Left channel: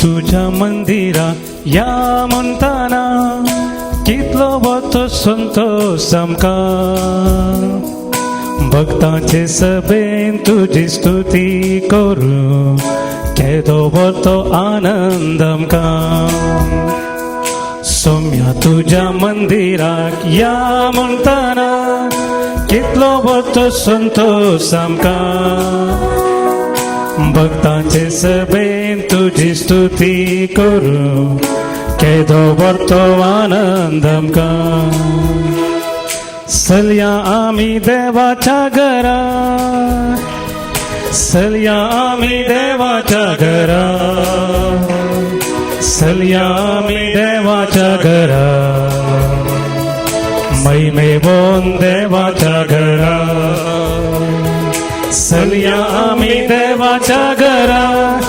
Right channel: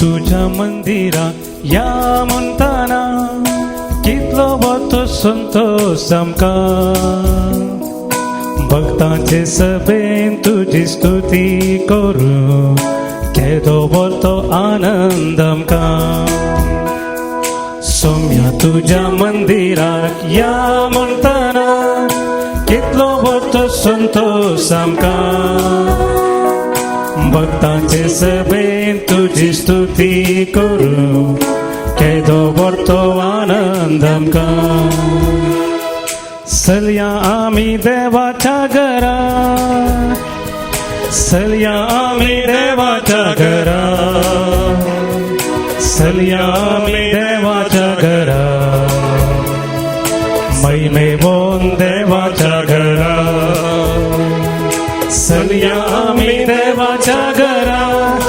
तुझ्या मंदिरा या म्हणताना कितलो वतो संतोष सामका भक्तांचे सभेन तुझी स्तुती करू केदो वतो आनंद आमका सौम्या तुझ्या मंदिराक या म्हणताना कितलो वतो संतोष आमका भक्तांचे सभेन तुझी स्तुती करू केदो वतो आनंद आमका सल्या आम्ही देवाच्या घरात सल्या आम्ही देवाच्या घरात सल्या आम्ही देवाच्या घरात महिमे मोन देवाच्या घरात सल्या आम्ही देवाच्या घरात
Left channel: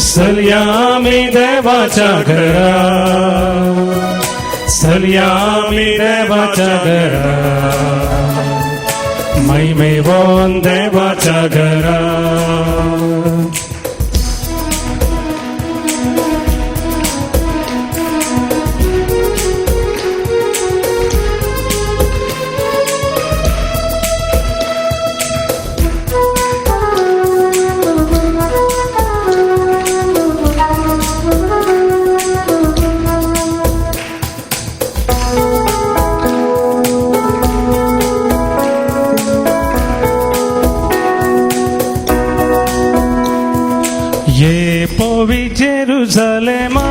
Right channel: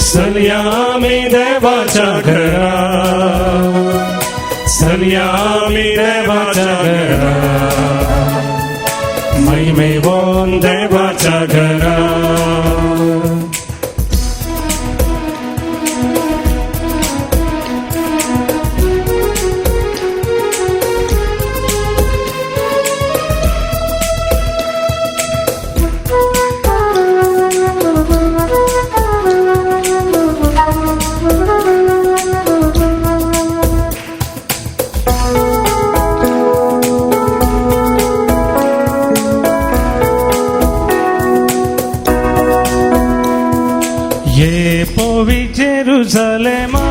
सल्या आम्ही देवाच्या घरात सल्या आम्ही देवाच्या घरात महिमे मोन देवाच्या घरात ये पोवी जेरुसलेमा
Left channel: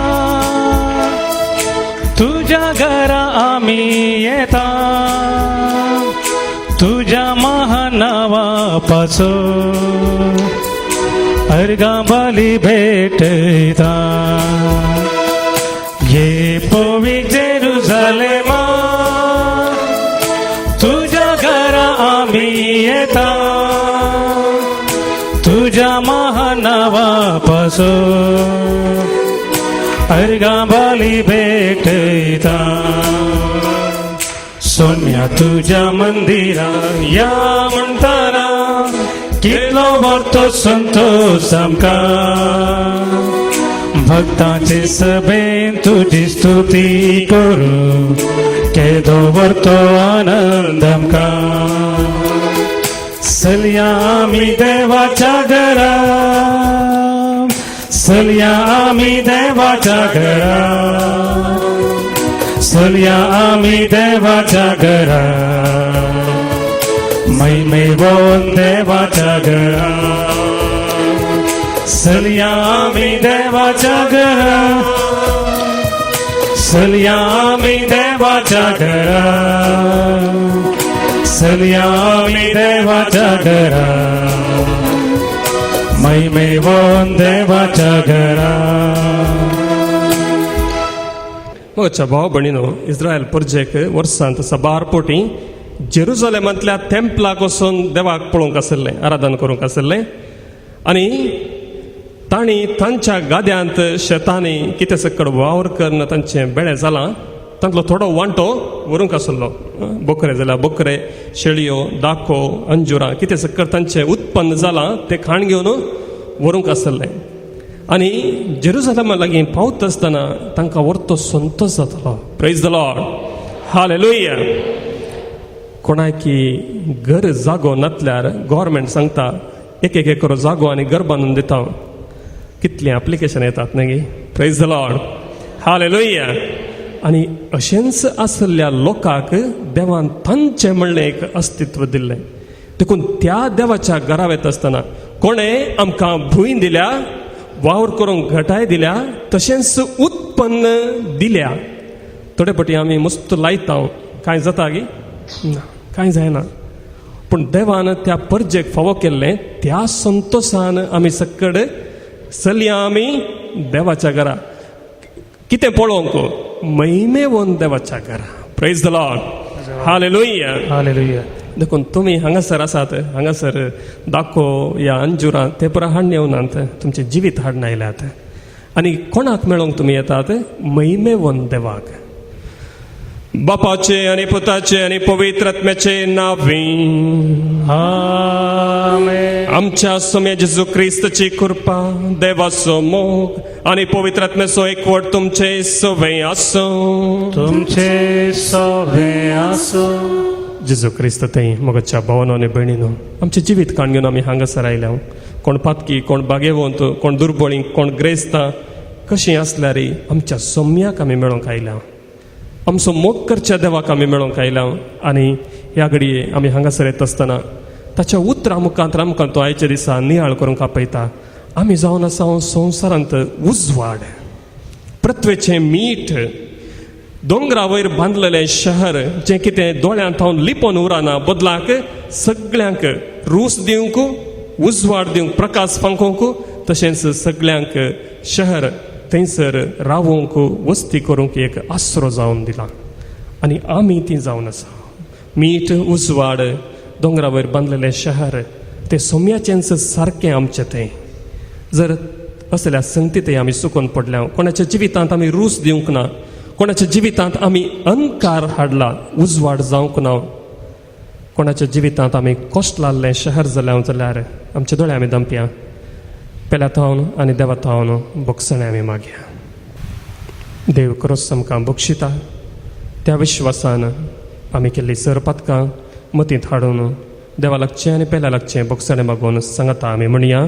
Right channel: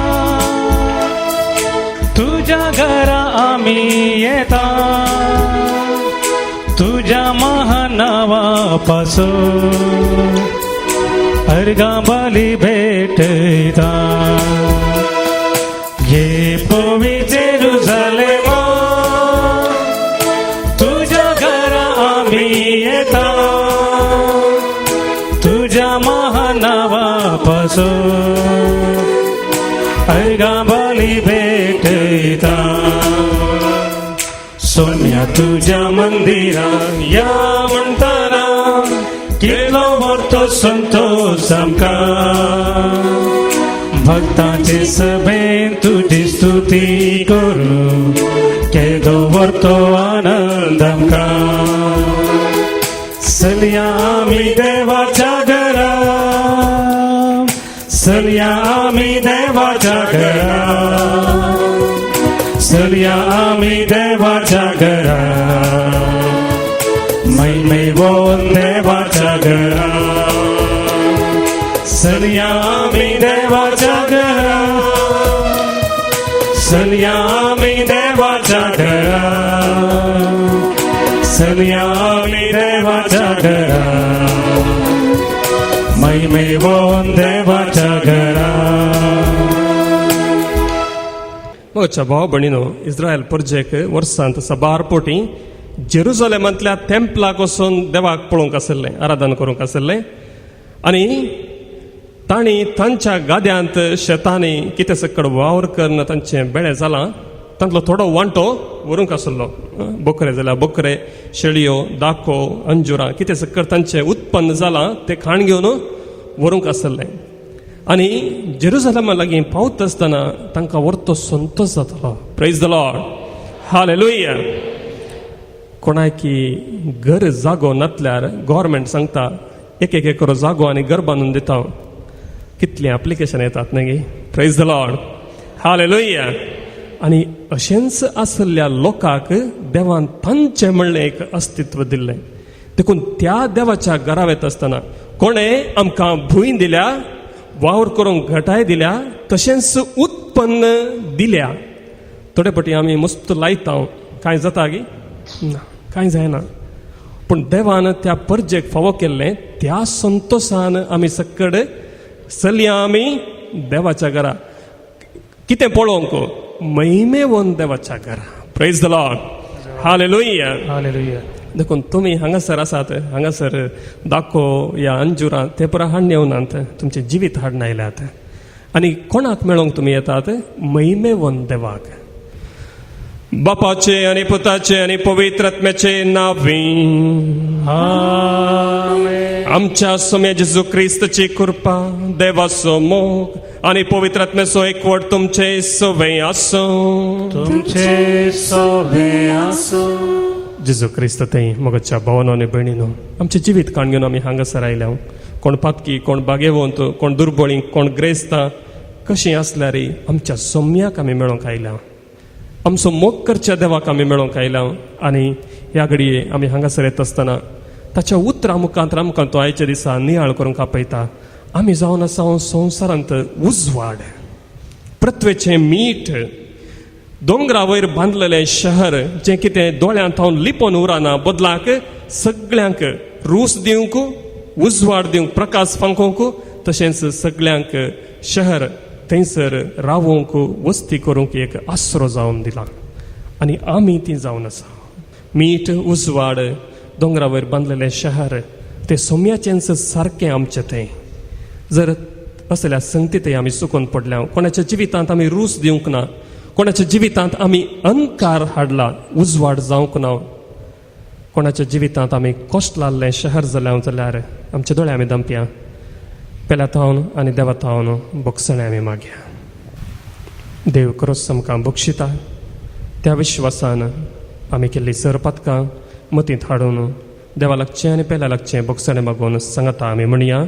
तुझ्या घरा आम्ही येता तुझ्या महानावापासून अर्गांबाली भेटता ये पोवी जेरुसलेमा तुझ्या घरा आम्ही येता तुझ्या महानावापासून अर्गांबाली भेटता सोन्या तुझ्या मंदिरा या म्हणताना किलो वतो संतोष आमका भक्तांचे सभेन तुझी स्तुती करू केदो वतो आनंद आमका सल्या आम्ही देवाच्या घरात सल्या आम्ही देवाच्या घरात सल्या आम्ही देवाच्या घरात महिमे मोन देवाच्या घरात सल्या आम्ही देवाच्या घरात सल्या आम्ही देवाच्या घरात सल्या आम्ही देवाच्या घरात महिमे मोन देवाच्या घरात मोच्या भाव भणीनो इस्रायल परजेक वर्सांत सबार पोटी जेरुसलेमांतल्या टेम्पलाक वचून देवाक पळोवंक आसले आराधना करूंक आसले आणि तांणी तांच्या गाद्यांत शेतांनी कितें सकड वावर करन तांचे बेळे जाला तांतलो थोडो वांटो व्हरूंक आसलो बोकरे जाल्यार बोकरे शेळयो दाको अंजुरां कितें सकड तांचे उत्पन्न जाला ते खाण घेवन व्हरूंक आसले आणि जेरुसलेमा लागीं पावत आसतना तांकां व्हरतो संतोष जातालो प्रेज द लॉर्ड हालेलुया कोणाकी घर जागो नासल्यार गव्हर्मेंट सांगता एक एक एकर जागो आनी घर बांदून दिता कितली एप्लिकेशन येतात न्ही प्रेज द लॉर्ड हालेलुया आणि अशेंच आसल्या लोकांक देवान तांचे म्हणलें एक अस्तित्व दिल्लें देखून त्या देवाच्या घरा वयता आसतना कोणें आमकां भूंय दिल्या वावर करूंक घटाय दिल्या तशेंच उत्पन्न दिल्या थोडे फावटी आमी मुस्त लायता कांय जाता गी ना कांय जायना पूण देवान त्या परजेक फावो केल्लें त्या संतोषान आमी सकड चलया आमी देवाच्या घरा कितें पळोवंक महिमेवन देवाच्या घरा praise the Lord hallelujah hallelujah देखून तुमी हांगासर आसात हांगासर दाखो या अंजुरां ते पुरा हाडून येवनात तुमचे जिवीत हाडून आयल्यात आनी कोणाक मेळोवंक तुमी येतात महिमेवन देवाक बापाचे आणि पुताचे आणि पवित्र आत्म्याचे नावे आमेन आमच्या सोम्या जेजू ख्रिस्ताची कृपा, देवाचो मोग आणि पवित्र आत्म्याचो एकवट तुमचे सगळे आसो. तुमचे सगळे आसो. जेजू ख्रिस्त थंय मोगाच्या भावानो आनी भयणीनो, आमचे जिवीत काण घेवन आमी हांगासर आयल्या. कोण पातकी, कोण बागेवंत, कोण दुर्बळी, कोण ग्रेस्तां कशीं आसल्यार आमच्या सोम्याक आमी मेळोंक आयल्या. आमचो मोग करच्या देवाक आमी मेळोंक आयल्या. आनी ह्या घडये आमी हांगासर येत आसतना ताच्या उतरां मुखांत आमकां तो आयच्या दिसा नियाळ करूंक आपयता. आमी जावन आसा संवसारांत उजवाड, पृथ्वेचें मीठ, दोंगरा वयर बांदलेलें शहर जें कितें दोळ्यांत हांव लिपोन उरना, बदलाक सगळ्यांक रूस दिवंक, उजवाड दिवंक, प्रकाश फांकोवंक, तशेंच सगळ्यांक शहर थंयसर रावूंक, वस्ती करूंक एक आसरो जावन दिला. आनी आमी ती जावन आसा. मीठ, उजवाड, दोंगरा वयर बांदलेलें शहर, तें सोम्याचेंच सारकें आमचें तें. जर असल्या संगतींत आमी सुकून पडल्या, कोणाच्या जिवितांत आमी रूस दिवंक ना, कोणाच्या जिवितांत आमी अंकार हाडला, उजवाड जावंक ना, कोणाच्या जिवितांत आमी कश्ट लाल्लें शहर जाल्यार आमचे दोळे आमी दामपया. पेल्या थावन आनी देवा थावन बोगसणे आमी मागया. देव खरोच आमकां बक्षिता. त्या विश्वासान आमी केल्ली सर पातकां मतींत हाडून देवा लागचें आनी पेल्या लागचें बोगसणे मागून सांगता आमी म्हणया.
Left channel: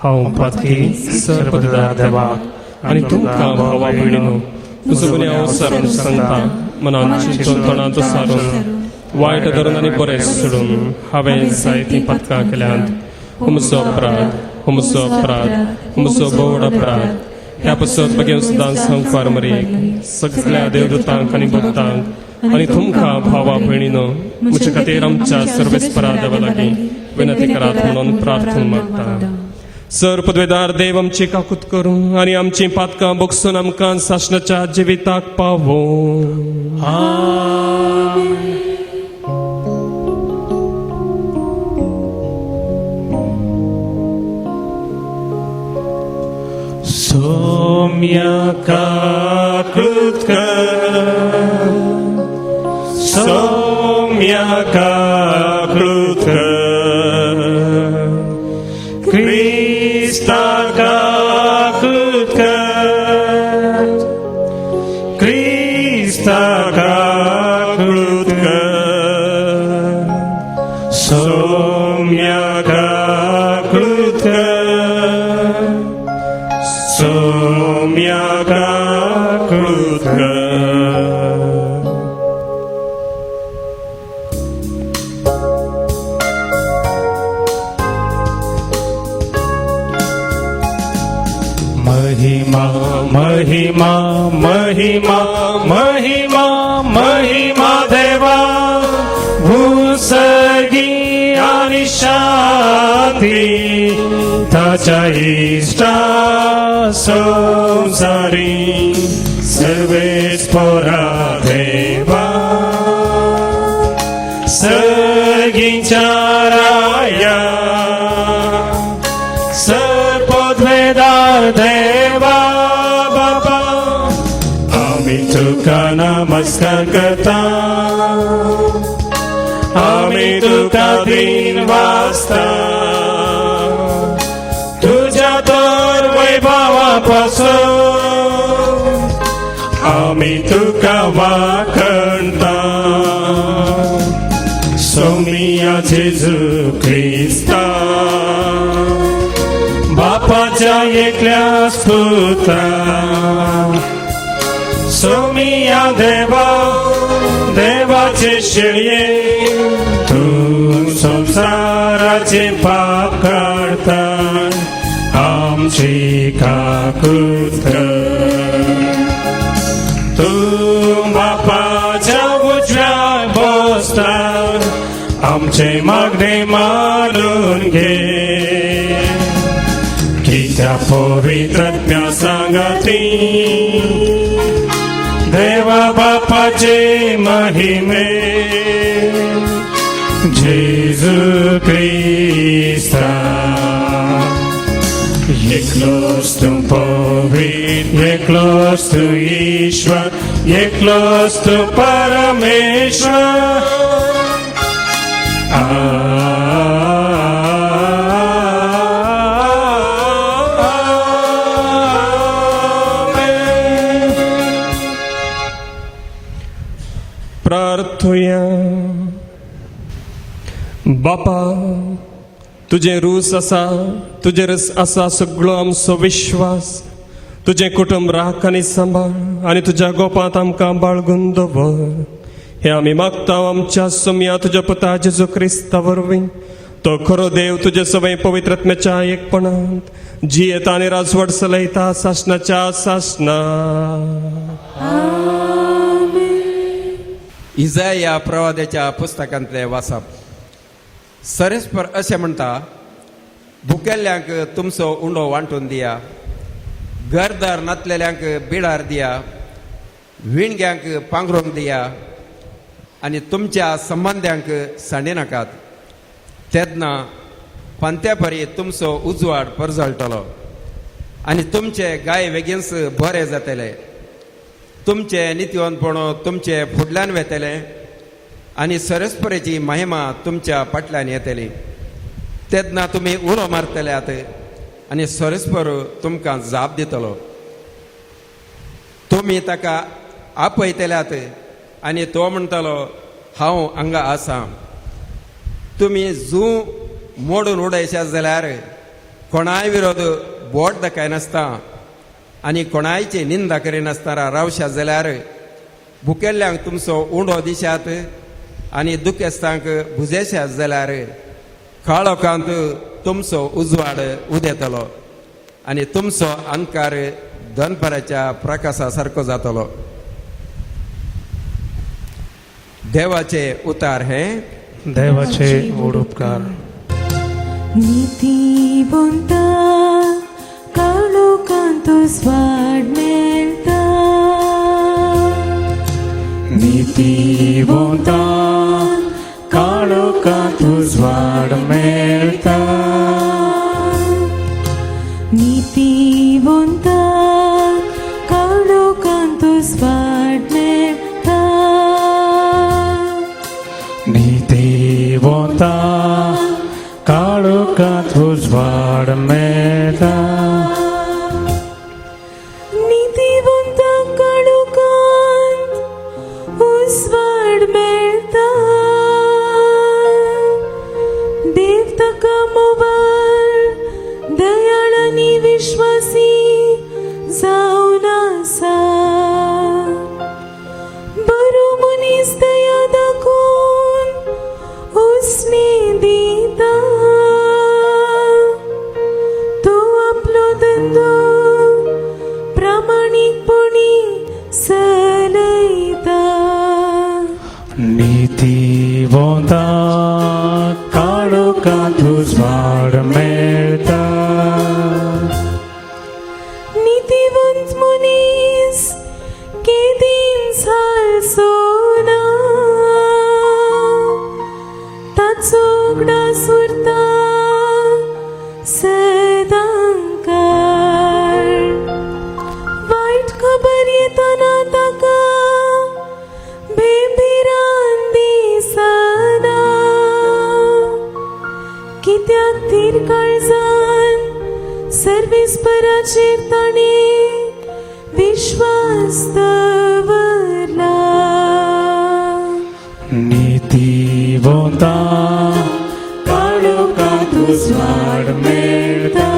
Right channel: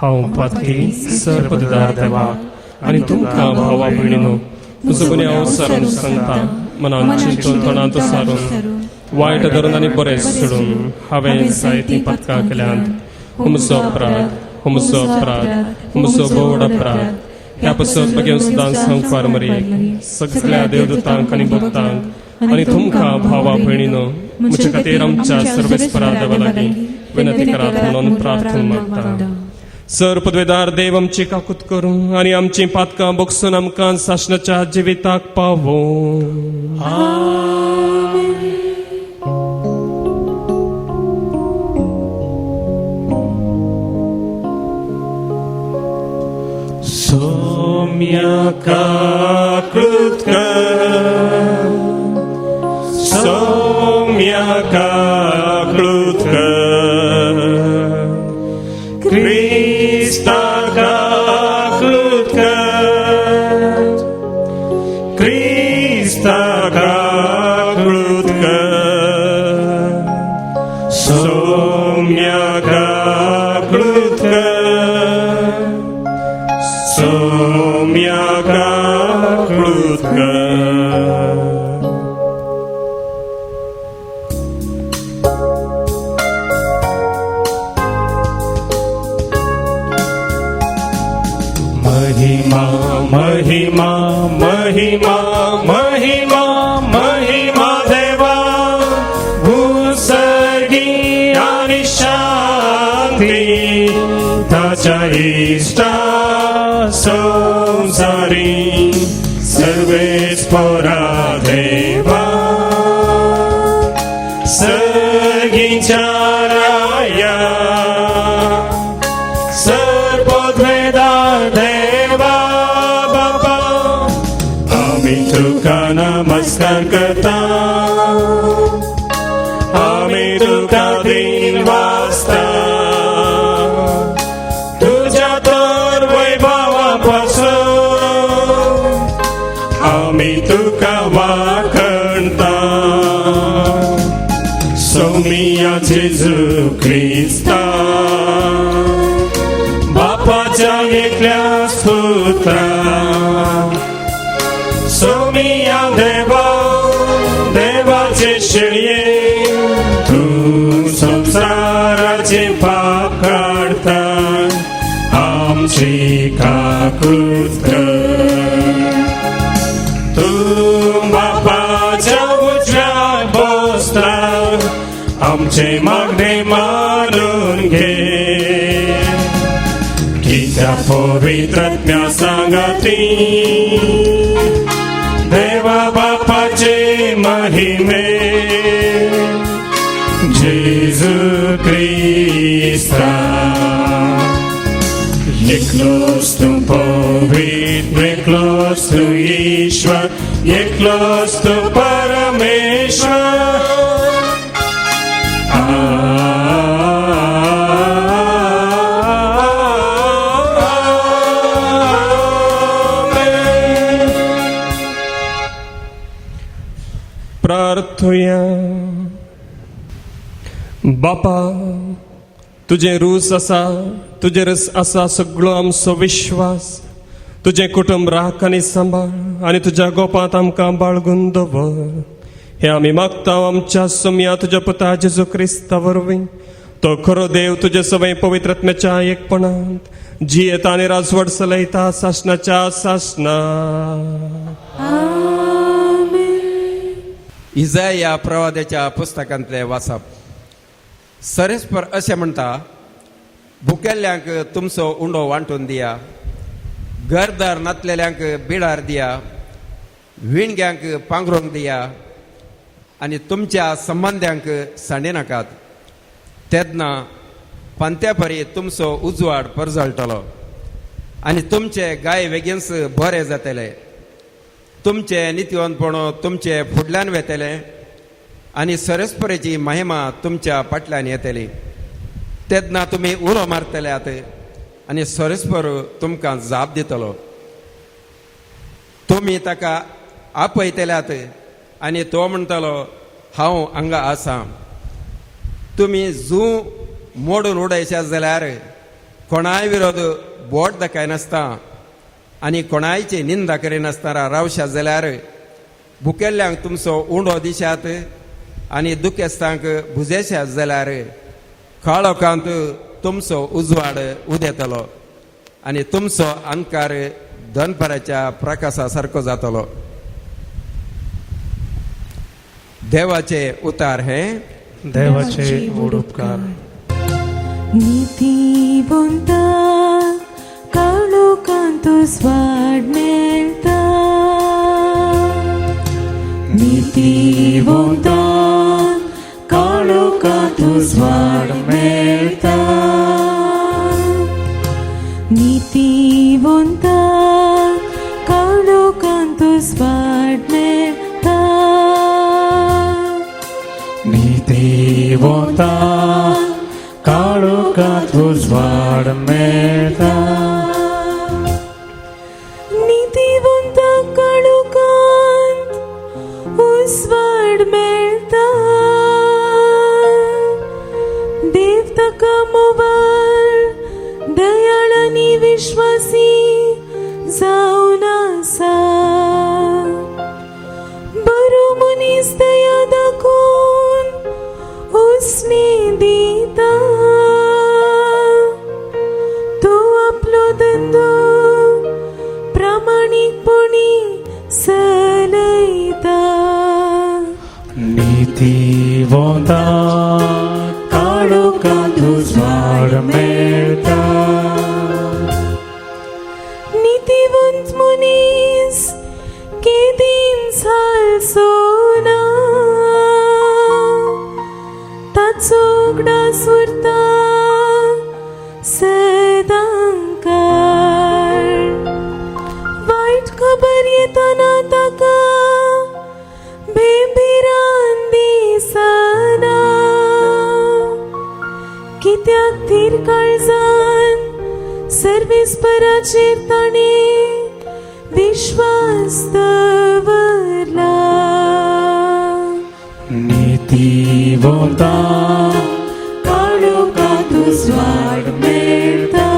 हांव पातकी सर पदुरा देवा आनी तुमकां भावा भयणीनो, तुजो बरी हांव सारून सांगता. मनान चिंतून तोंडांत सारून वायट धरून आनी बरें सोडून हांवें जायतीं पातकां केल्यांत. हुमचो अपराध, हुमचो अपराध, हुमचो व्हड अपराध. ह्या पासून बेगीन सुद्दां संवसार मरी सगळ्या देवदूतांक आनी भक्तांक आनी तुमकां भावा भयणीनो, म्हजे खातीर आमच्या सर्वेस्परा देवा लागीं विनंती करात म्हणून प्रार्थना मागता. सर पदवेदार देव आमची काकूत करूं आनी आमची पातकां बोगसून आमकां सासणाच्या जिविताक पावो. सोम्या काकूत कर, सोम्या काकूत कर, Krista काकूत कर, Krista काकूत कर, सोम्या काकूत कर, सोम्या काकूत कर. महिमा महिमा महिमा महिमा महिमा देवा, भूसर्गी आणि शांती ताच्या इष्टा संसारी सर्वेस्परा देवा. सर्गीच्या राया सर्वोद्वेदा देवा बाबा, आम्ही तुका नमस्कार करता. आम्ही तुका दिन वाजता. तुझ्या तर वैभवापासून आम्ही तुका वाखणता. सोमिया जेजू ख्रिस्ता, बापाच्या एकल्या स्तोत्रा. सोमिया देवा, देवाचे शेळये, तू संसाराचे पाप काढता. आमची काकूत कर. तू बापाच्या उजव्या बसता. आमचे मागणे मारून घे. त्या पवित्र सांगाती देवा बापाचे महिमे. जेजू ख्रिस्ता एकलोच तू पवित्र, एकलोच तू ईश्वर, एकलोच तू परमेश्वर. तुझे रूस असा तुझे रस असा सगळो आमचो विश्वास तुझे कुटुंब राख आनी सांबाळ आनी तुज्या गोपांत आमकां बाळगून दवर हे आमी मागता आमच्या सोम्या तुज्या पुता जेजू क्रिस्ता वरवीं तो खरो देव तुजे सवय पवित्रत्म्याच्या एकपणांत जियेता आनी राजवट चलयता सासणाच्या सासना इजाय या प्रवाद्याच्या पुस्तकांतले वाचप सरेस्पर अशें म्हणटा भुकेल्ल्यांक तुमचो उंडो वांटून दिया घरदार नातलेल्यांक बिडार दिया विणग्यांक पांघरूंक दिया आनी तुमच्या संबंद्यांक सांडी नाकात तेदना पंत्या परी तुमचो उजवाड परजळटलो आनी तुमचे गाय बेगीनच बरे जातले तुमचे नित्यवंतपणो तुमचे फुडल्यान वेतले आनी सरस्परेची महिमा तुमच्या फाटल्यान येतली तेदना तुमी उलो मारतल्यात आनी सरस्पर तुमकां जाप दितलो तुमी ताका आपयतल्यात आनी तो म्हणटलो हांव हांगा आसां तुमी जू मोडून उडयशात जाल्यार कोणाय विरोध बोट दाखयनासता आनी कोणायची निंदा करिनासतना रावशात जाल्यार भुकेल्ल्यांक तुमचो उंडो दिशात आनी दुखेस्तांक बुजेशात जाल्यार काळोखांत तुमचो उजवाड उदेतलो आनी तुमचो अंकार दनपाराच्या प्रकाशा सारको जातलो देवाचे उतार हे देवाचे उपकार नीतिवंता काळोखांत स्वाड मेळटा नीतिवंता काळोखांत स्वाड मेळटा नीतिवंता काळोखांत स्वाड मेळटा नीतिवंता काळोखांत स्वाड मेळटा नीतिवंता काळोखांत स्वाड मेळटा देव ताका मोबाल दयाळ आनी विश्वासी जावन आसा बरो मनीस दया दाखोवन उसने दिता तो आपलो धंदो प्रामाणीकपणी चलयता नीतिवंता काळोखांत स्वाड मेळटा नीतिवंत मनीस केदीन सालसो ना ताचो उगडास उरता सदांकार वायट खबर येतना ताका बेभिरान दिसना कित्याक तीर काळजान सर्वेस्पराचेर ताणें विश्वास दवरला नीतिवंता काळोखांत स्वाड मेळटा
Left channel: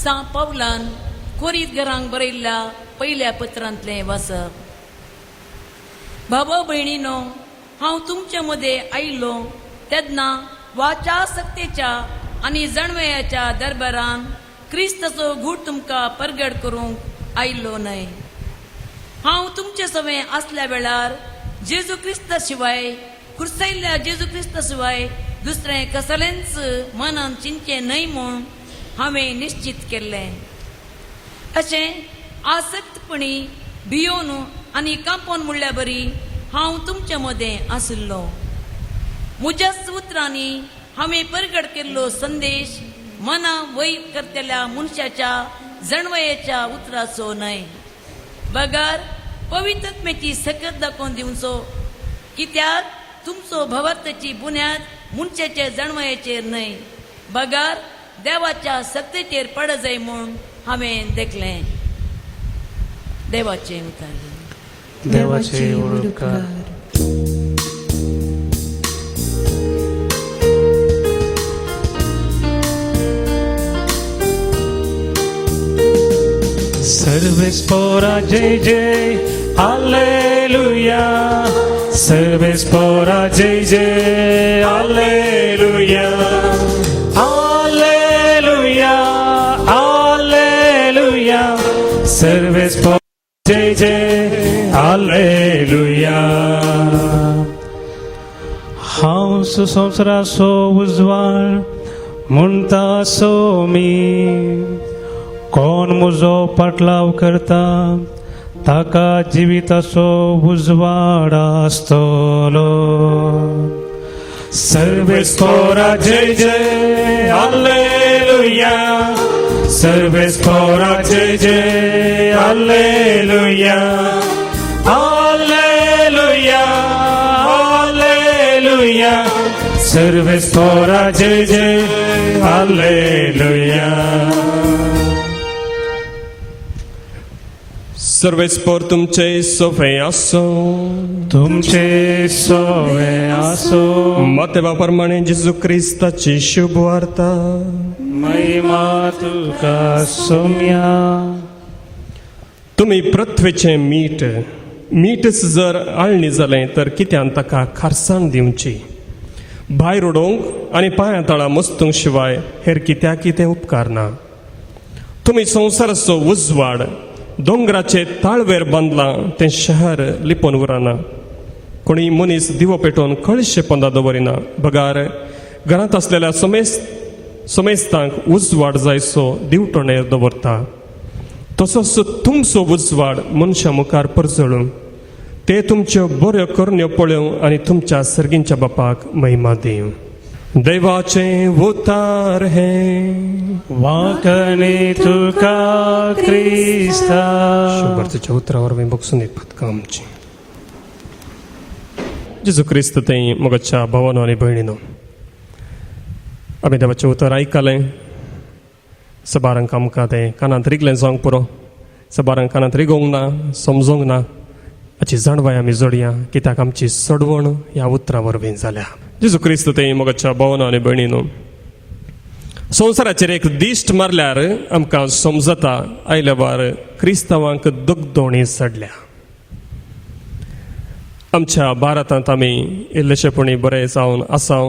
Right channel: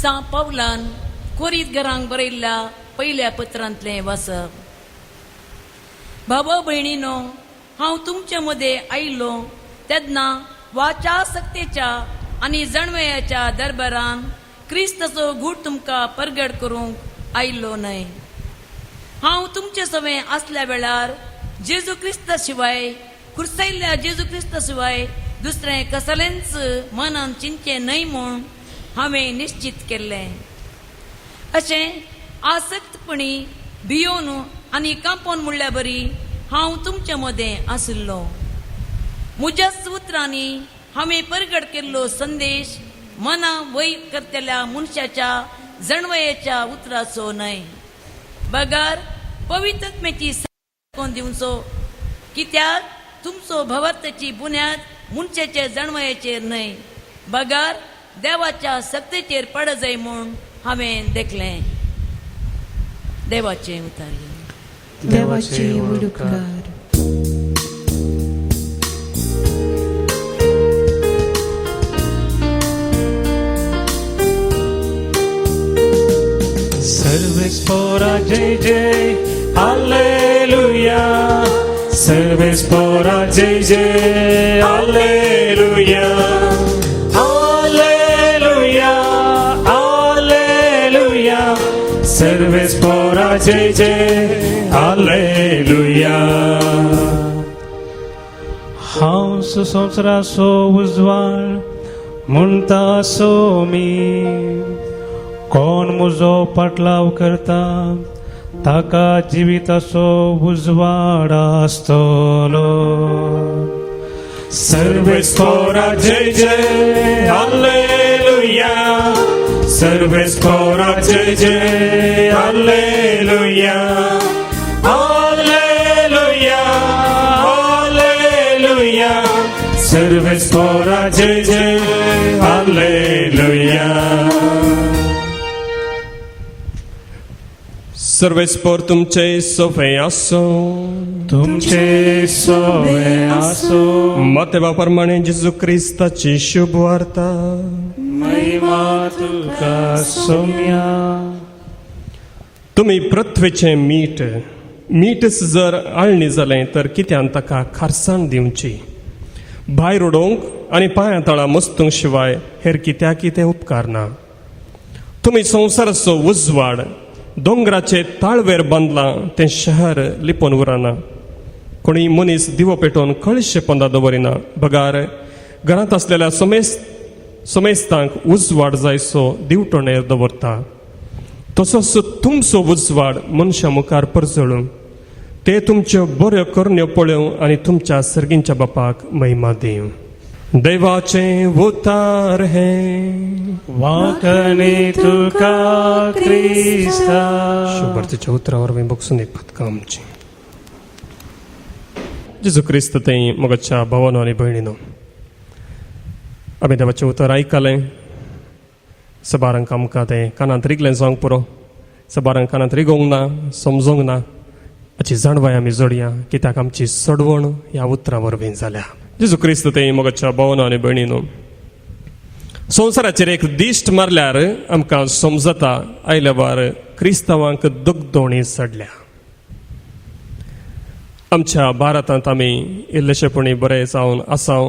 सांत पौलान कोरीत घरांक बरयल्ल्या पयल्या पत्रांतले वाचप भाव भयणीनो हांव तुमचे मदे आयिल्लो तेन्ना वाचा सत्तेच्या आनी जणवयाच्या दरबारान क्रिस्ताचो गूढ तुमकां परगट करूंक आयिल्लो न्हय हांव तुमचे सवय असल्या वेळार जेजू क्रिस्ता शिवाय खुर्सायल्ल्या जेजू क्रिस्ता शिवाय दुसरें कसलेंच मनान चिंचे न्हय म्हूण हांवें निश्चित केल्लें अशें आसक्तपणी भियोन आनी कांपोन म्हणल्या बरी हांव तुमचे मदें आशिल्लो म्हज्याच उतरांनी हांवें परगट केल्लो संदेश मना वयर करतल्या मनशाच्या जणवयेच्या उतराचो न्हय बगार पवित्रत्म्याची सकत दाखोवन दिवचो कित्याक तुमचो भवत्याची बुन्याद मनशाचे जणवयेचेर न्हय बगार देवाच्या सत्तेचेर पड जाय म्हूण हांवें देखलें देवाचें उतर देवाचे उपकार Serves pora JJ, Hallelujah. Serves pora JJ, Hallelujah. Hallelujah, Hallelujah. Serves pora JJ, Hallelujah. हांव संवसाराचो उजवाड म्हणटा असो मी, कोण म्हजो पाटलाव करता ताका जिविताचो उजवाड आसतलो. सर्वेस पora जय जय हालेलुया. सर्वेस पora जय जय हालेलुया. Hallelujah, hallelujah. सर्वेस pora जय जय हालेलुया. सर्वेस्पोर तुमचे सोफे असो, तुमचे सोवे असो. मतेवाप्रमाणे जेजू ख्रिस्ताची शुभ वार्ता. महिमा तुका सोम्या. तुम्ही पृथ्वीचे मीठ, मीठच जर आळणी जालें तर कित्यान ताका खारसाण दिवची. भायर उडोवंक आनी पांया तळा मस्तूंक शिवाय हेर कित्याक कितें उपकार ना. तुम्ही संवसाराचो उजवाड, दोंगराचे ताळवेर बांदलां तें शहर लिपोवन उरना. कोणी मनीस दिवो पेटोवन कळशे पोंदा दवरिना. बगार घरांत आसलेल्या सोमेस्तांक उजवाड जायसो दिवटोणेर दवरता. तसोच तुमचो उजवाड मनशा मुखार परचळूं, ते तुमच्यो बऱ्यो करण्यो पळोवं आनी तुमच्या सर्गींच्या बापाक महिमा दिवं. देवाचे उतार हे वाकणे तुका क्रिस्ता. शुभार्थीच्या उतरावर मी बघसून एक पदकां आमची. जेजू क्रिस्त तें मोगाच्या भावानो आनी भयणीनो, आमी देवाचें उतर आयकलें. सबारांक आमकां तें कानांत रिगलें जावंक पुरो. सबारांक कानांत रिगोवंक ना, समजोंक ना. हाची जाणवाय आमी जोडया, कित्याक आमची सडवण ह्या उतरा वरवीं जाल्या. जेजू क्रिस्त तें मोगाच्या भावानो आनी भयणीनो, संवसाराचेर एक दिश्ट मारल्यार आमकां समजता आयल्या वार क्रिस्तांवांक दुखदोणी सडल्या. आमच्या भारतांत आमी इल्लेशेपणी बरे जावन आसाव.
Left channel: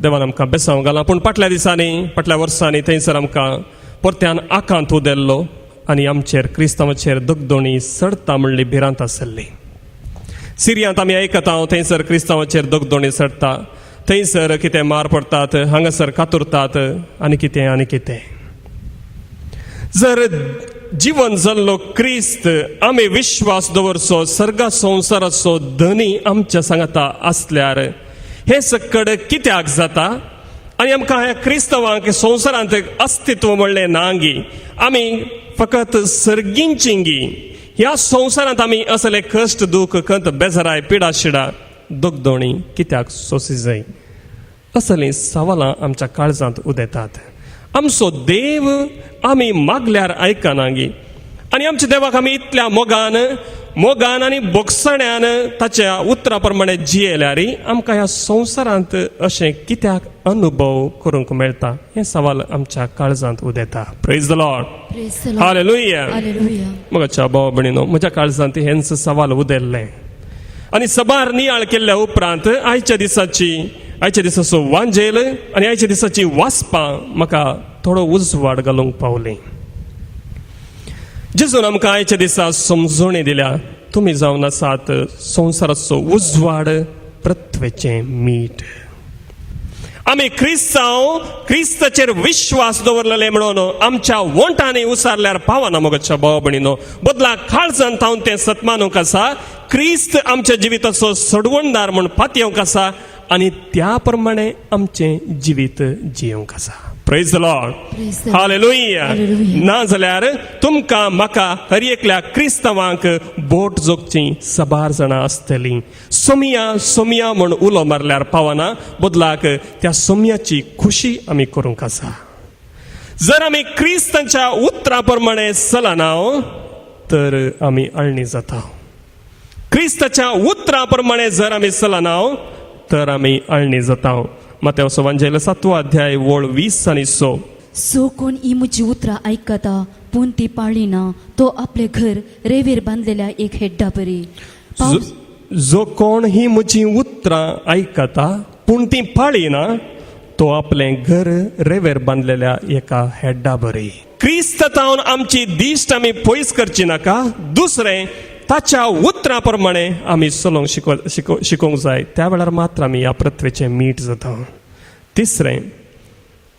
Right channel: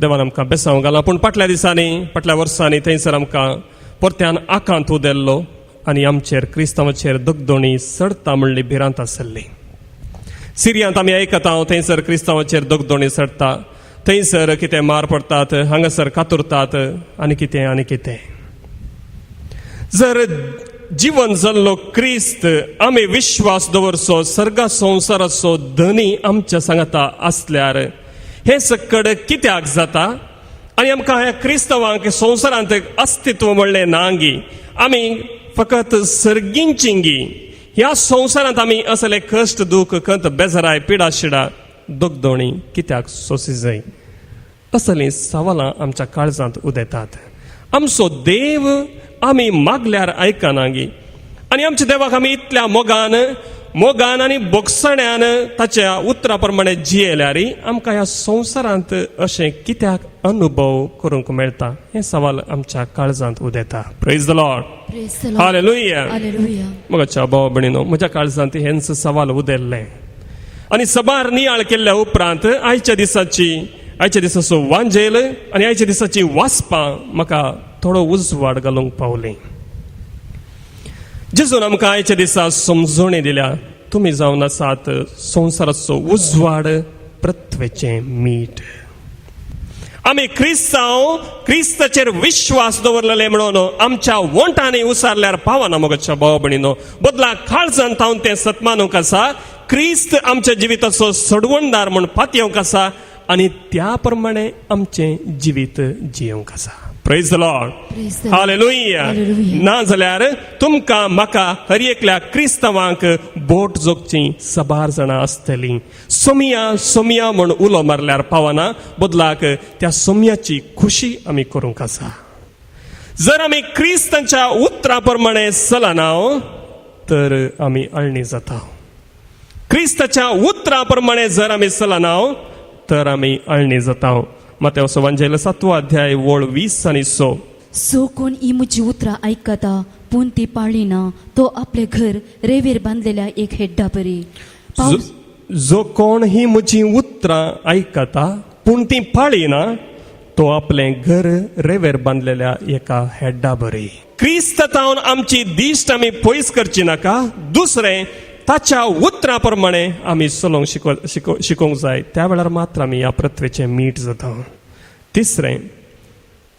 देवान आमकां बेसांव घाला. पूण फाटल्या दिसांनी, फाटल्या वर्सांनी थंयसर आमकां परत्यान आकांत उदेल्लो आनी आमचेर क्रिस्तांवाचेर दुखदोणी सडटा म्हणली भिरांत आसली. सिरियांत आमी आयकता थंयसर क्रिस्तांवाचेर दुखदोणी सडटा. थंयसर कितें मार पडटात, हांगासर कातुरतात आनी कितें आनी कितें. जर जीवन जल्लो क्रिस्त, आमी विश्वास दवरचो, सर्गा संवसाराचो धनी आमच्या सांगाता आसल्यार हे सकड कित्याक जाता. आनी आमकां ह्या क्रिस्तांवांक संवसारांत अस्तित्व म्हणलें नांगी. आमी फकत सर्गींचींगी. ह्या संवसारांत आमी असले कश्ट, दूख, खंत, बेजाराय, पिडा शिडा, दुखदोणी कित्याक सोंसी जाय, असलीं सवालां आमच्या काळजांत उदेतात. आमचो देव आमी मागल्यार आयकनागी. आनी आमच्या देवाक आमी इतल्या मोगान आनी बोगसड्यान ताच्या उतरा प्रमाणे जियेल्यार आमकां ह्या संवसारांत अशें कित्याक अनुभव करूंक मेळटा, हे सवाल आमच्या काळजांत उदेता. Praise the Lord. हालेलुया. मोगाच्या भाव भयणीनो, म्हज्या काळजांत हेंच सवाल उदेल्ले. आनी सबार नियाळ केल्ल्या उपरांत आयच्या दिसाचो वांजेल आनी आयच्या दिसाची वाचपां म्हाका थोडो उजवाड घालूंक पावलें. जेजून आमकां आयच्या दिसा समजोणी दिल्या. तुमी जावन आसात संवसाराचो उजवाड, पृथ्वेचें मीठ. आमी क्रिस्ताचेर विश्वास दवरलेले म्हणून आमच्या वोंटांनी उसारल्यार पावना. मोगाच्या भाव भयणीनो, बदला काळजांत हांव तें सतमानूंक आसा. क्रिस्त आमच्या जिविताचो सडवणदार म्हूण पातयेवंक आसा आनी त्या प्रमाणे आमचें जिवीत जियोंक आसा. Praise the Lord. हालेलुया. ना जाल्यार तुमकां म्हाका हर एकल्या क्रिस्तांवांक बोट जोगची सबार जाणां आसतलीं. सोमिया म्हूण उलो मारल्यार पावना. बदलाक त्या सोमयाची खुशी आमी करूंक आसा. जर आमी क्रिस्तांच्या उतरा प्रमाणे चलना तर आमी आळणी जाता. क्रिस्ताच्या उतरा प्रमाणे जर आमी चलना तर आमी आळणी जाता. मत्तेवाचो वांजेल 7 अध्याय वळ 20 आनी 6. सो कोण ही म्हजी उतरां आयकता पूण ती पाळिना तो आपले घर रेवेर बांदलेल्या एक हेड्डा बरी पावस जो कोण ही म्हजी उतरां आयकता पूण ती पाळिना तो आपले घर रेवेर बांदलेल्या एका हेड्डा बरी. क्रिस्तांत आमची दिश्ट आमी पयस करची नाका. दुसरें, ताच्या उतरां प्रमाणे आमी चलोवंक शिकोवंक जाय. त्या वेळार मात्र आमी ह्या पृथ्वीचें मीठ जाता. तिसरें,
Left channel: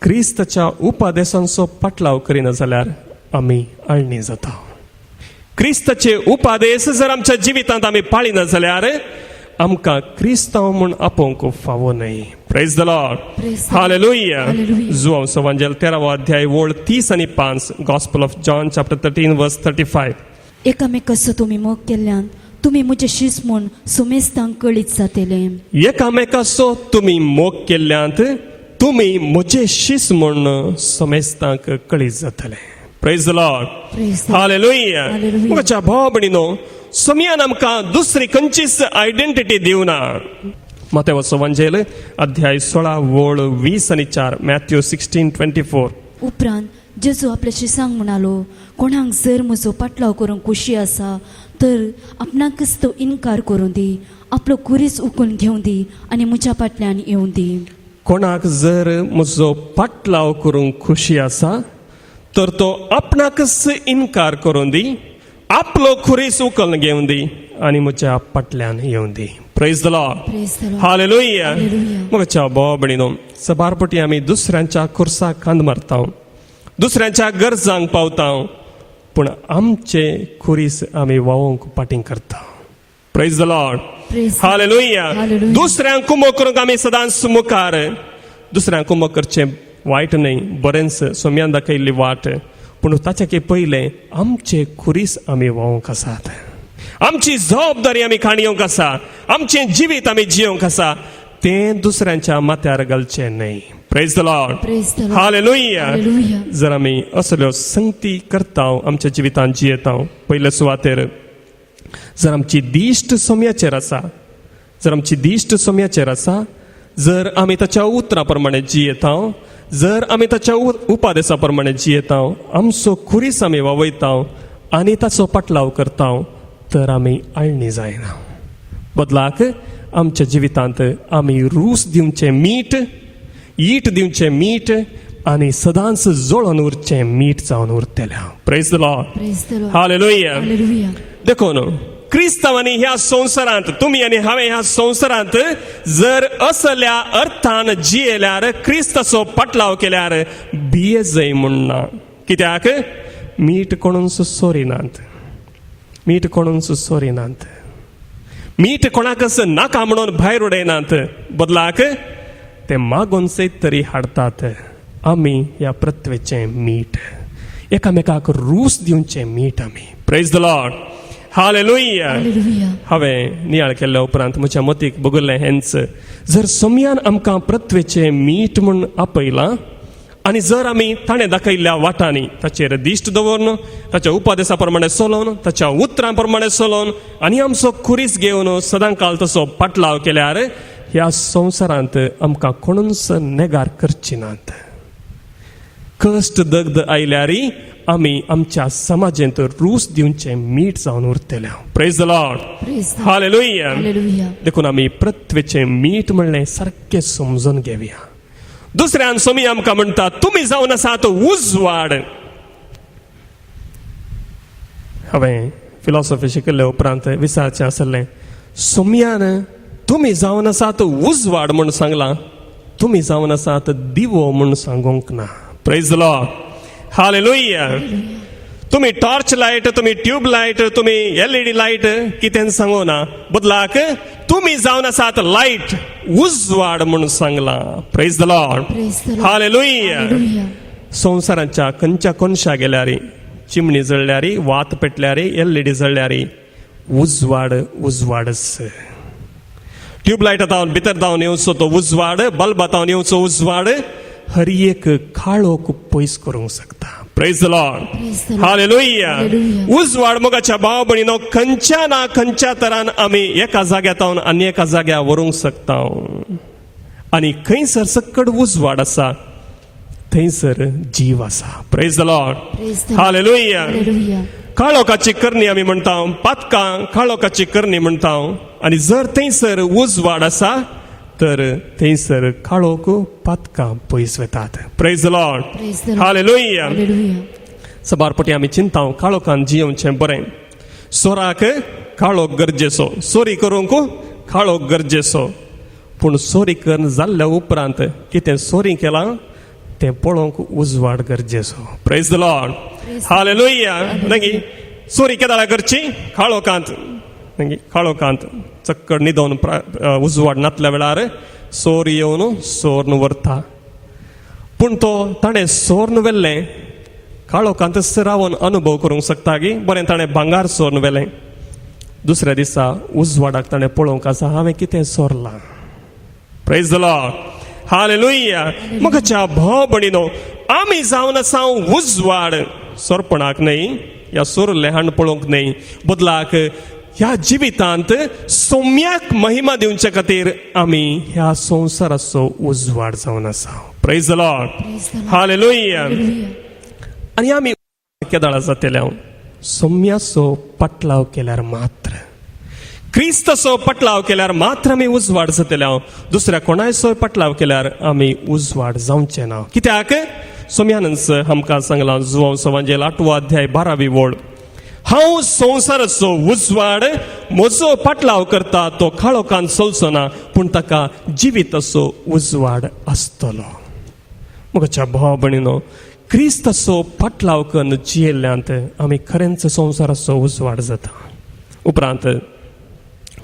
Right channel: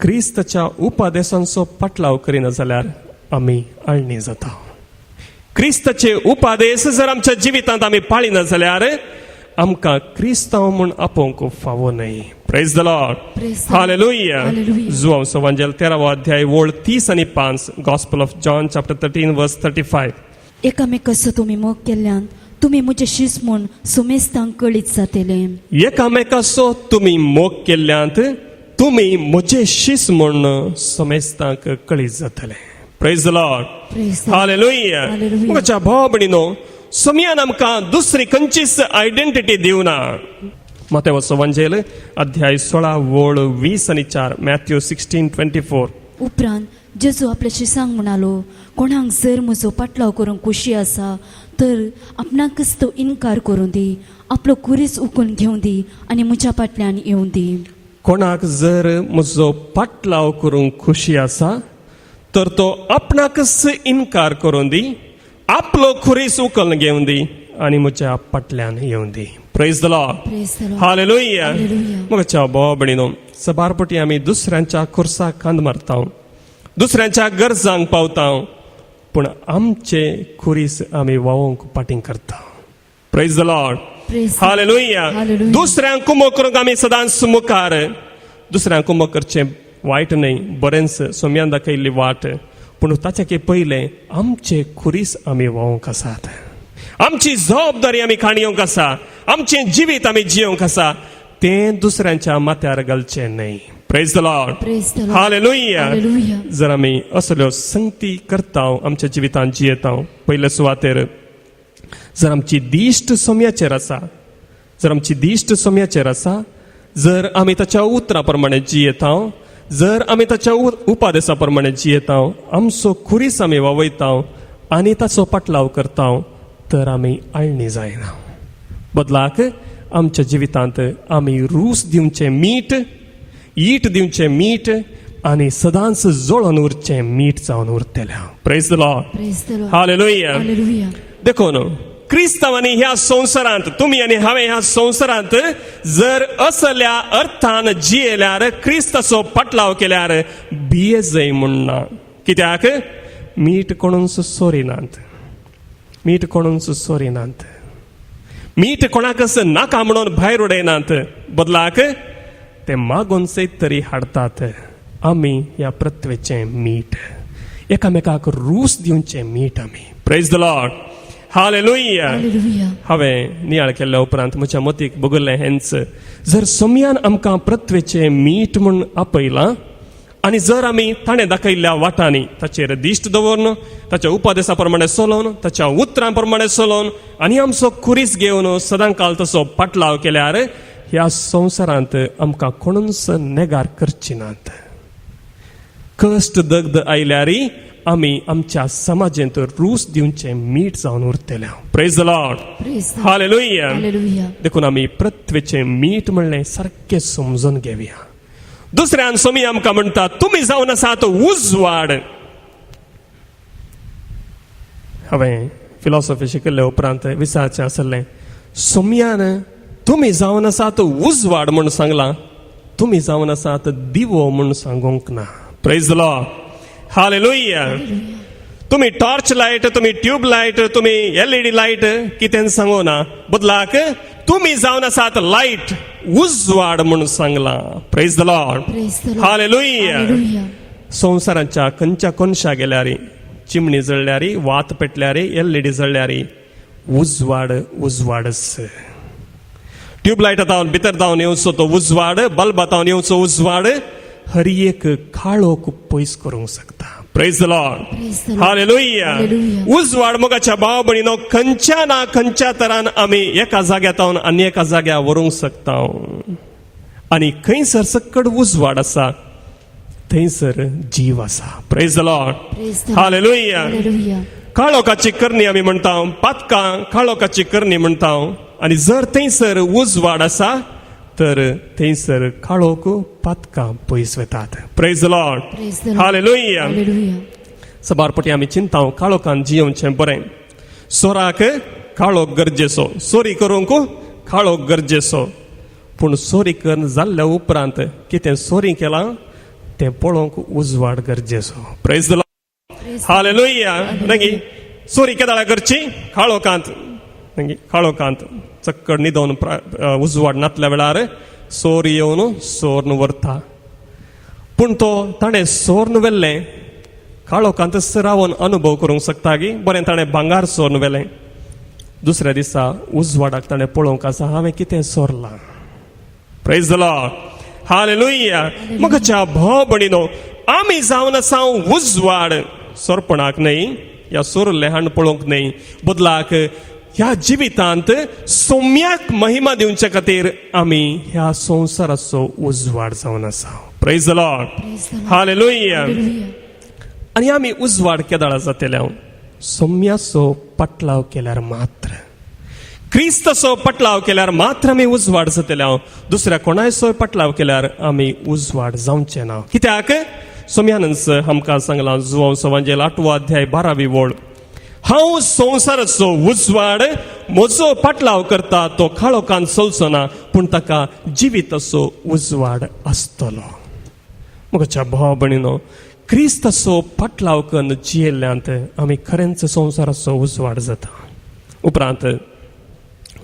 क्रिस्ताच्या उपादेशांचो पाटलाव करिना जाल्यार आमी अळणी जाता. क्रिस्ताचे उपादेश जर आमच्या जिवितांत आमी पाळिना जाल्यार आमकां क्रिस्तांव म्हूण आपोवंक फावो न्हय. Praise the Lord. हालेलुया. जुआंव सवांजेल 13 अध्याय ओळ 30 आनी 5. गॉस्पल ऑफ जॉन चॅप्टर 13 वर्स 35. एकामेकाचो तुमी मोग केल्ल्यान तुमी म्हजे शिस म्हूण सुमेस्तांक कळीत जातले. एकामेकाचो तुमी मोग केल्ल्यांत तुमी म्हजे शिस म्हूण समेस्तांक कळीत जातले. Praise the Lord. Praise the Lord. Hallelujah. Hallelujah. म्हज्या भाव भयणीनो, समयान आमकां दुसरी खंयचीच आयडेंटिटी दिवना. मत्तेव सवांजेल अध्याय 16 ओळ 20 आनी 4. मॅथ्यू 16:24. उपरांत जेजू आपल्या शिसांक म्हणालो, कोणाक जर म्हजो पाटलाव करूंक कुशी आसा तर आपणाकच तो इन्कार करूं दी, आपलो कुरीस उखलून घेवं दी आनी म्हज्या फाटल्यान येवं दी. कोणाक जर म्हजो पाटलाव करूंक खुशी आसा तर तो आपणाकच इन्कार करून दी, आपलो खुरीस उखलून घेवन दी आनी म्हज्या फाटल्यान येवं दी. Praise the Lord. Praise the Lord. Hallelujah. Hallelujah. म्हज्या भाव भयणीनो, सबारपटी आमी दुसऱ्यांच्या खुर्साक कांद मारता, दुसऱ्यांच्या गरजांक पावता, पूण आमचे खुरीस आमी वावोवंक पाटींग करता. Praise the Lord. Praise the Lord. Hallelujah. Hallelujah. दुसऱ्यांक कुमो करूंक आमी सदांच मुखार. दुसऱ्यांक कुमो करचें वायट न्हय, बरेंच सोम्यान दाखयल्ली वाट, पूण ताचे पयलें आमचे खुरीस आमी वावोवंक आसात. आमची जबाबदारी आमी खाणयोवंक आसा, आमचें जिवीत आमी जियोवंक आसा, तें दुसऱ्यांच्या माथ्यार घालचें न्हय. Praise the Lord. Praise the Lord. Hallelujah. Hallelujah. जर आमी असल्यो संगती करता, आमच्या जिवितांत जियेता, पयले सुवातेर जर आमची दिश्ट सोम्याचेर आसा, जर आमची दिश्ट सोम्याचेर आसा, जर आमी ताच्या उतरां प्रमाणे जियेता, जर आमी ताच्या उपादेशा प्रमाणे जियेता, आमचो खुरीस आमी वावयता आनी ताचो पाटलाव करता, तर आमी अळणी जायना. बदलाक आमच्या जिवितांत आमी रूस दिवचें मीठ, ईट दिवचें मीठ आनी सदांच जळोन उरचें मीठ जावन उरतलें. Praise the Lord. Praise the Lord. Hallelujah. Hallelujah. देखून क्रिस्तांवांनी ह्या संवसारांत, तुमी आनी हांवें ह्या संवसारांत जर असल्या अर्थान जियेल्यार, क्रिस्ताचो पाटलाव केल्यार भियेजय म्हणना. कित्याक मीठ कोणूच सोरिनात, मीठ कोणूच सोरिनात, मीठ कोणाकच नाका म्हणून भायर उडयनात, बदलाक ते मागून सयत तरी हाडतात. आमी ह्या पृथ्वीचें मीठ, एकामेकाक रूस दिवचें मीठ आमी. Praise the Lord. Hallelujah. Hallelujah. हांवें नियाळ केल्ल्या उपरांत म्हज्या मतीक भोगल्लें हेंच, जर सोम्यान आमकां पृथ्वीचें मीठ म्हूण आपयलां आनी जर आमी ताणें दाखयल्ल्या वाटांनी ताचेर दिश्ट दवरून, ताच्या उपादेशा प्रमाणे चलोवन, ताच्या उतरां प्रमाणे चलोवन आनी आमचो खुरीस घेवन सदांकाल तसो पाटलाव केल्यार ह्या संवसारांत आमकां कोणूच नेगार करची नात. कश्ट दगद आयल्यारय आमी आमच्या समाजेंत रूस दिवचें मीठ जावन उरतले. Praise the Lord. Praise the Lord. Hallelujah. Hallelujah. देखून आमी पृथ्वीचें मीठ म्हणलें सारकें समजून घेवया. दुसऱ्यान सोमी आमकां म्हणटा, तुमी जावन आसात उजवाड. हांवें फिलॉसॉफी शिकयले उपरांत विचारचें आसलें, सोम्यान तुमी जावन आसात उजवाड म्हूण सांगलां, तुमी जावन आसात दिवो म्हूण सांगूंक ना. Praise the Lord. हालेलुया. तुम्ही टॉर्च लाईट, तुम्ही ट्यूब लाईट, तुम्ही LED लाईट कितें सांगू ना, बदलाक तुम्ही जावन आसात लाईट, उजवाड म्हणून सांगला. Praise the Lord. Praise the Lord. Hallelujah. Hallelujah. संवसाराच्या खंयच्या कोनशा गेल्यारी, चिमणी जळल्यारी, वात पेटल्यारी, LED जळल्यारी, उजवाड उजवाडच. ट्यूबलाईटांत भितर जावन येवचो तो उजवाड, बल्बांत येवचो उजवाड हर एक काळोख पयस करूंक शकता. Praise the Lord. Praise the Lord. Hallelujah. Hallelujah. उजवाड मोगाच्या भाव भयणीनो खंयच्या ना खंयच्या तरान आमी एका जाग्यातावन आनी एका जाग्यार व्हरूंक शकता. आनी खंयसर सक्कड उजवाड आसा थंयसर जीव आसा. Praise the Lord. Praise the Lord. Hallelujah. Hallelujah. काळोखाची करणी आमी म्हणटा, पातकां काळोखाची करणी म्हणटा. आनी जर थंयसर उजवाड आसा तर थंयसर काळोख पातकां पयस वतात. Praise the Lord. Praise the Lord. Hallelujah. Hallelujah. सबारपटी आमी चिंता काळोखान जियोवचें बरें. सोराक काळोख गरजेचो, सोरी करूंक काळोख गरजेचो. पूण सोरी करून जाल्ल्या उपरांत कितें सोरी केलां तें पळोवंक उजवाड गरजेचो. Praise the Lord. हालेलुया. नगी सोरी केदाळा करची काळोखांत, नगी काळोखांत चक्कड न्हिदोवन उजवाड नातल्या वेळार सोर येवन सोर्न व्हरता. पूण तो ताणें सोर्न व्हेल्लें काळोखांत रावन अनुभव करूंक शकता की बरें ताणें भांगार सोर्न व्हेलें. दुसऱ्या दिसा उजवाडाक ताणें पळोवंक आसा हांवें कितें सोरलां. Praise the Lord. हालेलुया. मुखाच्या भाव भयणीनो, आमी जावन आसा उजवाड सोरपणाक न्हय, या सोरलें हाण पळोवंक न्हय, बदलाक ह्या जिवितांत सौम्याक महिमा दिवचे खातीर आमी ह्या संवसाराचो उजवाड जावन आसा. Praise the Lord. हालेलुया. आनी आमी उजवाड केदाळा जातले सौम्याचो पाटलाव केल्यार मात्र, क्रिस्ताचो पाटलाव केल्यार मात्र आमी उजवाड जातले. दुसऱ्या कोणाचो पाटलाव केल्यार आमी उजवाड जावचे ना. कित्याक सोम्यानंच आमकां सांगलां जुवांव समाजेल 8 अध्याय 12वी ओळ, हांव संवसाराचो उजवाड, म्हजो पाटलाव करता तो काळोखान चलचो ना, पूण ताका जिविताचो उजवाड आसतलो. म्हज्या भाव भयणीनो, क्रिस्ताचो पाटलाव करून जियेल्ल्यांत आमी खरेंच संवसाराचो उजवाड जाता. उपरांत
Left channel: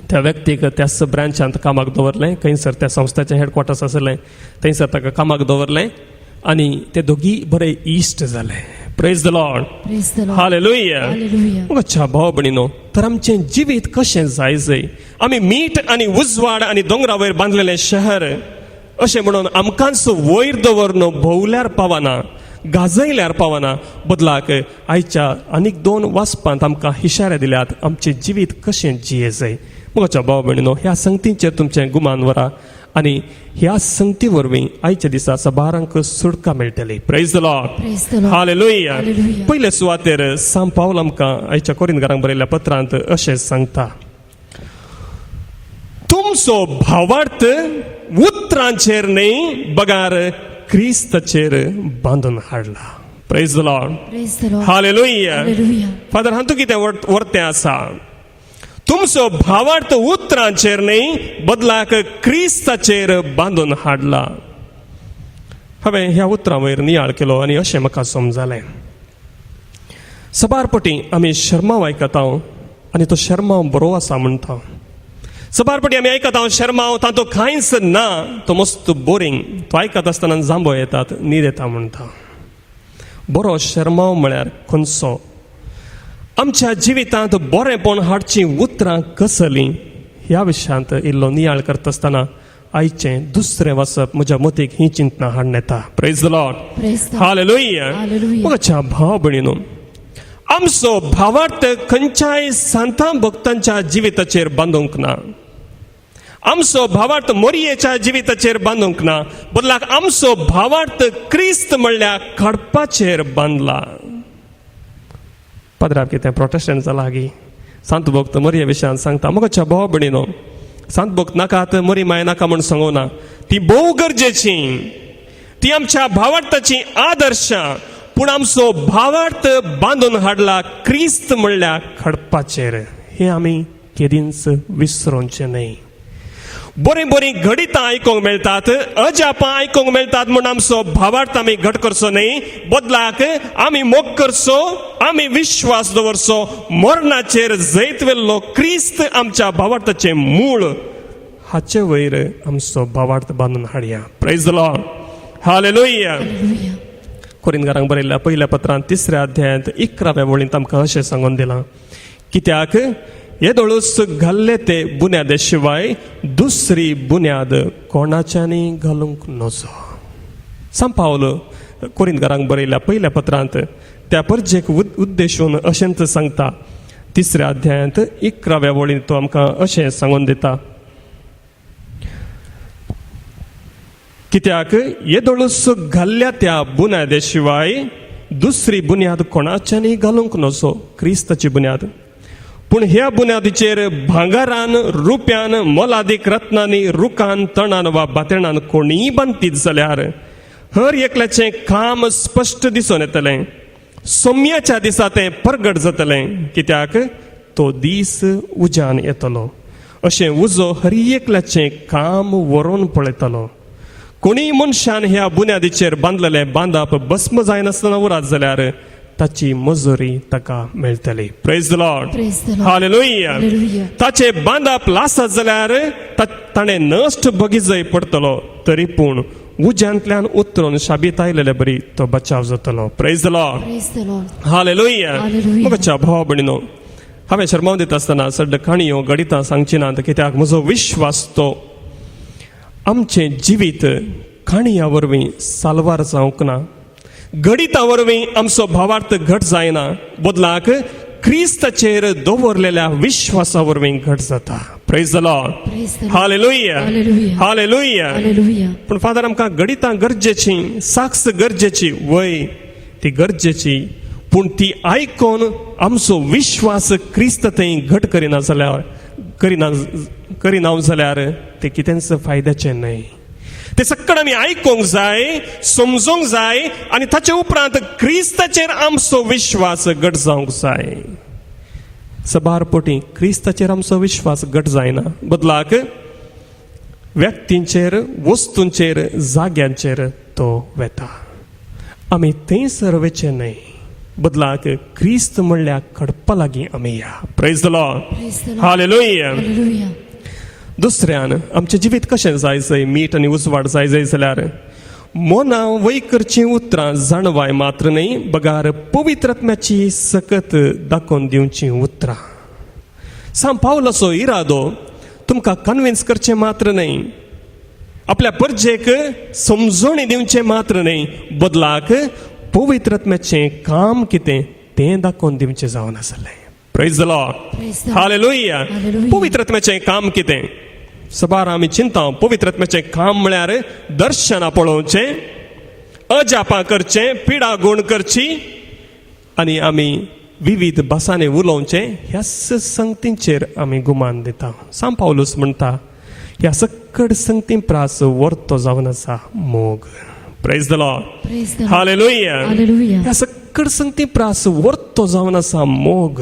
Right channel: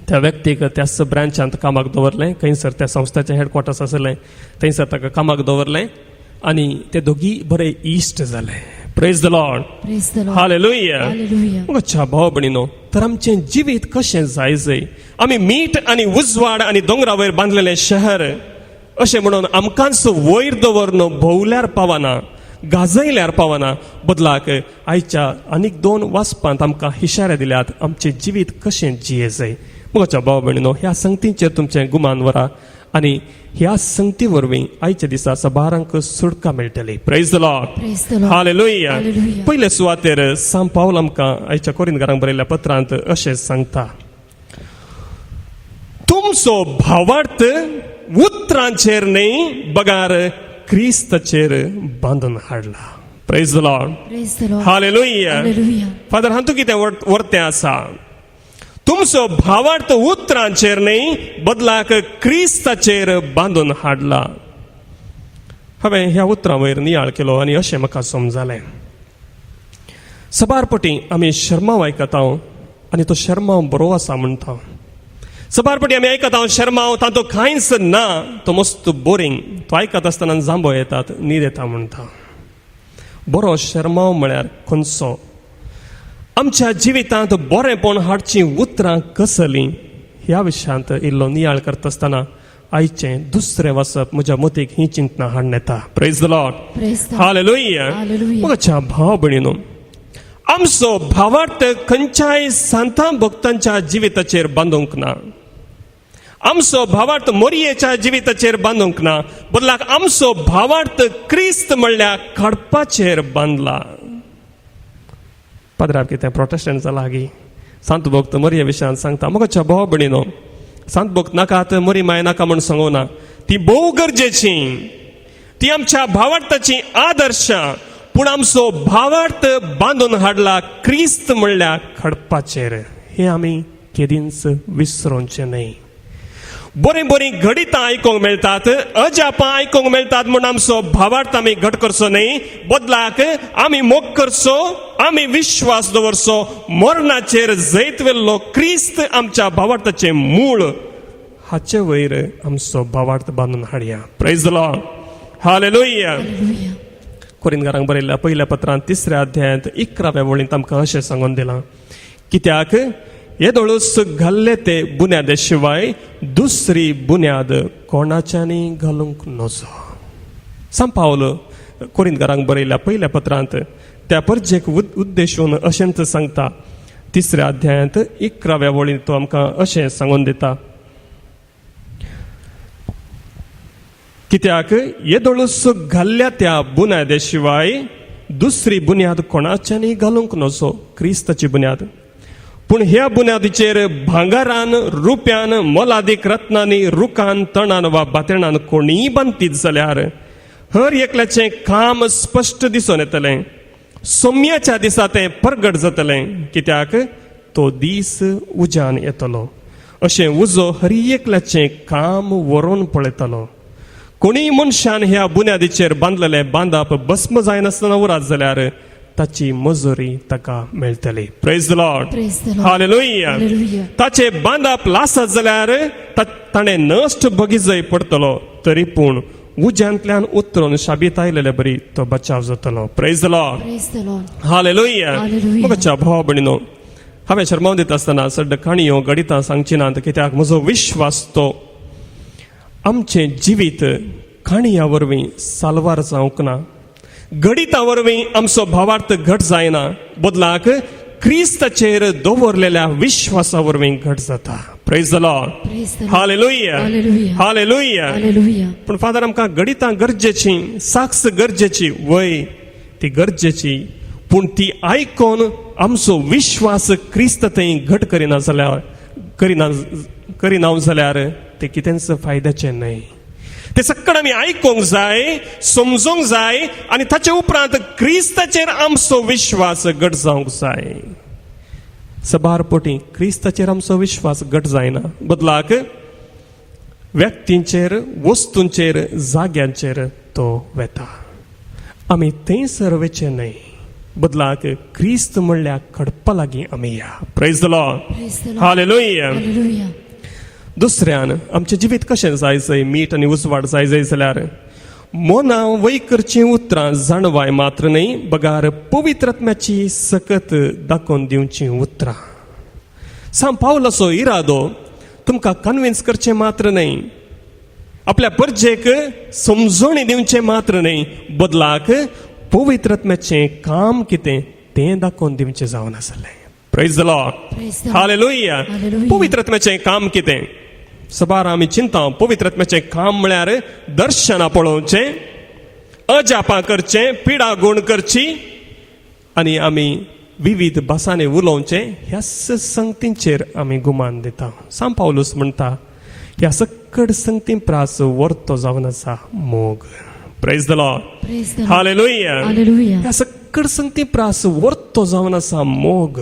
त्या व्यक्तीक त्या ब्रांचांत कामाक दवरलें, खंयसर त्या संस्थेचे हेडक्वॉर्टर्स आसले थंयसर ताका कामाक दवरलें आनी ते दोगी बरे इश्ट जाले. Praise the Lord. Praise the Lord. Hallelujah. Hallelujah. म्हज्या भाव भयणीनो, तर आमचें जिवीत कशें जायचें. आमी मीठ आनी उजवाड आनी दोंगरा वयर बांदलेलें शहर अशें म्हणून आमकांच वयर दवरून भोवल्यार पावना, गाजयल्यार पावना, बदलाक आयच्या आनीक 2 वाचपांत आमकां इशारे दिल्यात आमचें जिवीत कशें जियेचें. म्हज्या भाव भयणीनो, ह्या संगतीचेर तुमचें गुमान व्हरा आनी ह्या संगती वरवीं आयच्या दिसा सबारांक सुटका मेळटली. Praise the Lord. Praise the Lord. Hallelujah. Hallelujah. पयले सुवातेर सांत पावल आमकां आयच्या कोरिंथकारांक बरयल्ल्या पत्रांत अशें सांगता, तुमचो भावार्थ उतरांचेर न्हय बगार क्रिस्ताचेर बांदून हाडला. Praise the Lord. Praise the Lord. Hallelujah. Hallelujah. Father हातूं कितें वर्तें आसा, तुमचो भावार्थ उतरांचेर न्हय बदलाक क्रिस्ताचेर बांदून हाडला. हांवें ह्या उतरां वयर नियाळ केलो आनी अशें म्हाका समजलें. सबारपटी आमी शर्माव आयकता आनी तो शर्माव बरो आसा म्हणटा. सबारपटी आमी आयकता शर्माव तातूंत कांयच ना, तो मस्त बोरींग, तो आयकत आसतना जांबो येतात, न्हीद येता म्हणटा. बरो शर्माव म्हळ्यार खंयचो. आमच्या जिवितांत बरेपण हाडची उतरां कसलीं ह्या विशयांत इल्लो नियाळ करता आसतना आयचें दुसरें वाचप म्हज्या मतीक ही चिंतना हाडून येता. Praise the Lord. Praise the Lord. Hallelujah. Hallelujah. म्हज्या भाव भयणीनो, आमचो भावार्थ खंयच्याय सांतां भक्तांच्या जिविताचेर बांदूंक ना. आमचो भावार्थ मोरयेच्या जिविताचेर बांदूंक ना, बदलाक आमचो भावार्थ क्रिस्त म्हणल्यार खडपाचेर बांदला. पदराक कितें प्रोटेस्टंट्सा लागीं सांत भक्त मोरये विशयान सांगता, म्हज्या भाव भयणीनो, सांत भक्त नाकात मोरी माय नाका म्हण सांगूना, ती भोव गरजेची, ती आमच्या भावार्थाची आदर्श, पूण आमचो भावार्थ बांदून हाडला क्रिस्त म्हणल्यार खडपाचेर. हे आमी केदींच विसरोवचे न्हय. बरीं बरीं गणितां आयकूंक मेळटात, अजापां आयकूंक मेळटात म्हूण आमचो भावार्थ आमी घट करचो न्हय, बदलाक आमी मोग करचो, आमी विश्वास दवरचो मरणाचेर जैत वेल्लो क्रिस्त आमच्या भावार्थाचें मूळ, हाचे वयर आमचो भावार्थ बांदून हाडया. Praise the Lord. Hallelujah. Hallelujah. कोरिंथकारांक बरयल्ल्या पहिल्या पत्रांत 3 अध्यायांत 11व्या वळींत आमकां अशें सांगून दिलां, कित्याक येदोळूच घाल्ले ते बुन्यादे शिवाय दुसरी बुन्याद कोणाच्यानी घालूंक नजो. सांत पावल कोरिंथकारांक बरयल्ल्या पहिल्या पत्रांत त्या परचेक उद्देशून अशेंच सांगता. 3 अध्यायांत 11व्या वळींत तो आमकां अशें सांगून दिता कित्याक येदोळूस घाल्ल्या त्या बुन्यादे शिवाय दुसरी बुन्याद कोणाच्यानी घालूंक नसो, क्रिस्ताची बुन्याद. पूण ह्या बुन्यादीचेर भांगारान, रुप्यान, मोलादीक रत्नांनी, रुखान, तणान वा बातेणान कोणीय बांदीत जाल्यार हर एकल्याचें काम स्पश्ट दिसून येतलें. सोम्याच्या दिसा तें प्रगट जातलें, कित्याक तो दीस उज्यान येतलो. अशें उजो हर एकल्याचें काम व्हरून पळयतलो. कोणीय मनशान ह्या बुन्यादीचेर बांदलेलें बांदप भस्म जायनासतना उरात जाल्यार ताची मजुरी ताका मेळटली. Praise the Lord. Praise the Lord. Hallelujah. Hallelujah. ताचे बांदप लासत जाल्यार ताणें नश्ट बगीचय पडतलो, तरी पूण उज्यांतल्यान उतरून शाबीत आयलेले बरी तो बचाव जातलो. Praise the Lord. Praise the Lord. Hallelujah. Hallelujah. म्हज्या भावा भयणीनो, हांवें शर्माव दिता आसतना सड्ड काणयो गणितां सांगची नात, कित्याक म्हजो विश्वास तो आमचें जिवीत काणया वरवीं साल्वार जावंक ना, गणिता वरवीं आमचो भावार्थ घट जायना, बदलाक क्रिस्ताचेर दवरलेल्या विश्वासा वरवीं घट जाता. Praise the Lord. Praise the Lord. Hallelujah. Hallelujah. Hallelujah. Hallelujah. पण फादर आमकां गणितां गरजेची, साक्स गरजेची, वय ती गरजेची, पूण ती आयकोन आमचो विश्वास क्रिस्त थंय घट करिना जाल्यार ते कितेंच फायद्याचें न्हय. ते सक्कड आमी आयकूंक जाय, समजूंक जाय, आनी ताचे उपरांत क्रिस्ताचेर आमचो विश्वास घट जावंक जाय. सबारपोटी क्रिस्ताचेर आमचो विश्वास घट जायना, बदलाक व्यक्तींचेर, वस्तूंचेर, जाग्यांचेर तो वेता. आमी थंय सरवेचे न्हय, बदलाक क्रिस्त म्हणल्यार कडपा लागीं आमी या. Praise the Lord. Praise the Lord. Hallelujah. Hallelujah. दुसऱ्यान आमचें जिवीत कशें जायचंय, मीठ आनी उजवाड जाय जाल्यार मोना वय करची उतरां जाणवाय मात्र न्हय, बगार पवित्र आत्म्याची सकत दाखोवन दिवची उतरां. सांग पावलाचो इरादो तुमकां कन्विन्स करचें मात्र न्हय, आपल्या परजेक समजोणी दिवचें मात्र न्हय, बदलाक पवित्र आत्म्याचें काम कितें तें दाखोवन दिवचें जावन आसलें. Praise the Lord. Praise the Lord. Hallelujah. Hallelujah. पवित्र आत्म्याचें काम कितें? सबार आमी चिंता पवित्र आत्म्याचें काम म्हळ्यार दर्शनां पळोवचें, अजापां करचें, पिडा गुण करची, आनी आमी विविध भासांनी उलोवचें, ह्या संगतींचेर आमी गुमान दिता. सांग पावलूस म्हणटा ह्या सक्कड संगतीं प्रास वर्तो जावन आसा मोग. Praise the Lord. Praise the Lord. Hallelujah. Hallelujah. ह्या सक्कड संगतीं प्रास वर्तो जावन आसा मोग.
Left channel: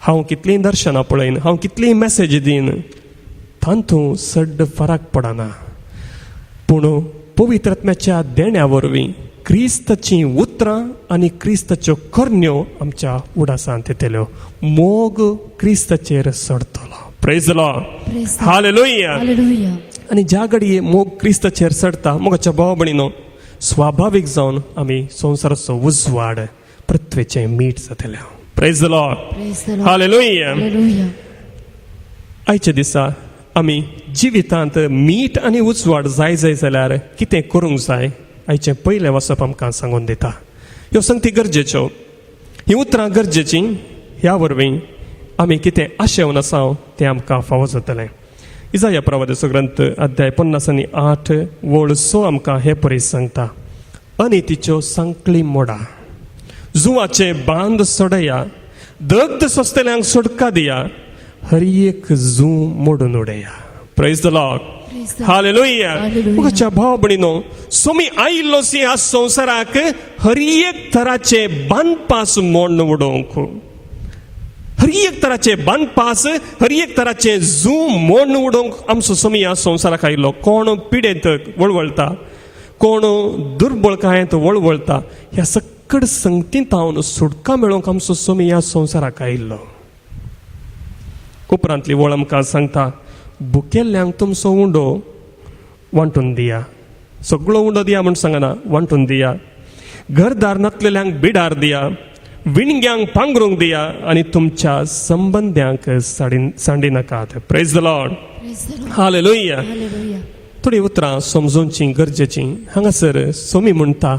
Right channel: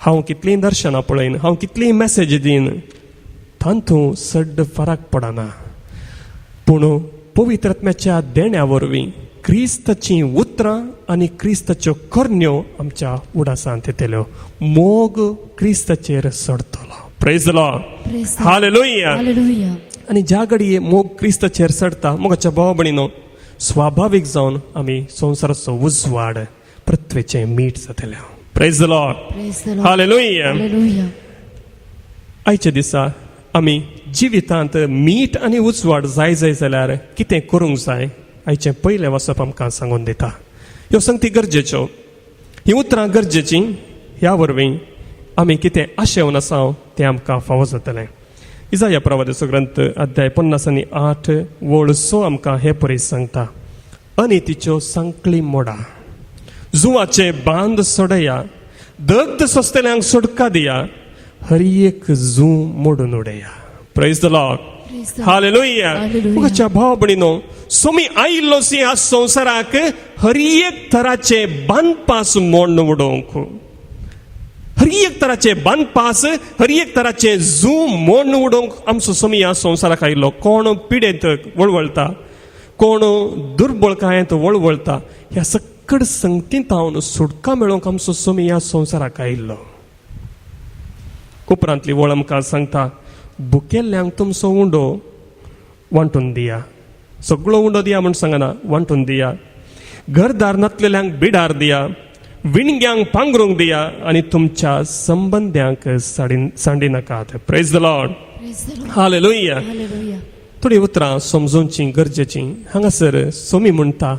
हांव कितलीं दर्शनां पळयन, हांव कितलीं मेसेज दीन, तांतूं सड्ड फरक पडना. पूण पवित्र आत्म्याच्या देण्या वरवीं क्रिस्ताची उतरां आनी क्रिस्ताच्यो करण्यो आमच्या उडासांत येतल्यो. मोग क्रिस्ताचेर सडतलो. Praise the Lord. Praise the Lord. Hallelujah. Hallelujah. आनी ज्या घडये मोग क्रिस्ताचेर सडटा, मोगाच्या भाव भयणीनो, स्वाभावीक जावन आमी संवसाराचो उजवाड, पृथ्वीचें मीठ जातले. Praise the Lord. Praise the Lord. Hallelujah. Hallelujah. आयच्या दिसा आमी जिवितांत मीठ आनी उजवाड जाय जाल्यार कितें करूंक जाय, आयचें पयलें वचप आमकां सांगून दिता. ह्यो संगती गरजेच्यो, हीं उतरां गरजेचीं. ह्या वरवीं आमी कितें आशेवन आसा तें आमकां फावो जातलें. इसाया प्रवादाचो ग्रंथ अध्याय 58 वळ 6 आमकां हे परीस सांगता. अनितीच्यो सांकळी मोडा, जुवाचे बांद सोडया, दग्ध सोंसतल्यांक सुटका दिया, हर एक जू मोडून उडया. Praise the Lord. Praise the Lord. Hallelujah. Hallelujah. म्हज्या भाव भयणीनो, सोमी आयिल्लोसी ह्या संवसाराक हर एक तराचे बांदपास मोडून उडोवंक, हर एक तराचे बांदपास, हर एक तराचे जू मोडून उडोवंक आमचो सोमी ह्या संवसाराक आयिल्लो. कोण पिडेत वळवळटा, कोण दुर्बळकायेंत वळवळटा, ह्या सक्कड संगतींत हांव सुटका मेळोवंक आमचो सोमी ह्या संवसाराक आयिल्लो. उपरांतली वळ आमकां सांगता, भुकेल्ल्यांक तुमचो उंडो वांटून दिया. सगळो उंडो दिया म्हण सांगना, वांटून दिया. घरदार नासलेल्यांक बिडार दिया, विणग्यांक पांघरूंक दिया, आनी तुमच्या संबंद्यांक सांडी नाकात. Praise the Lord. Praise the Lord. Hallelujah. Hallelujah. थोडी उतरां समजोवची गरजेची. हांगासर सोमी म्हणटा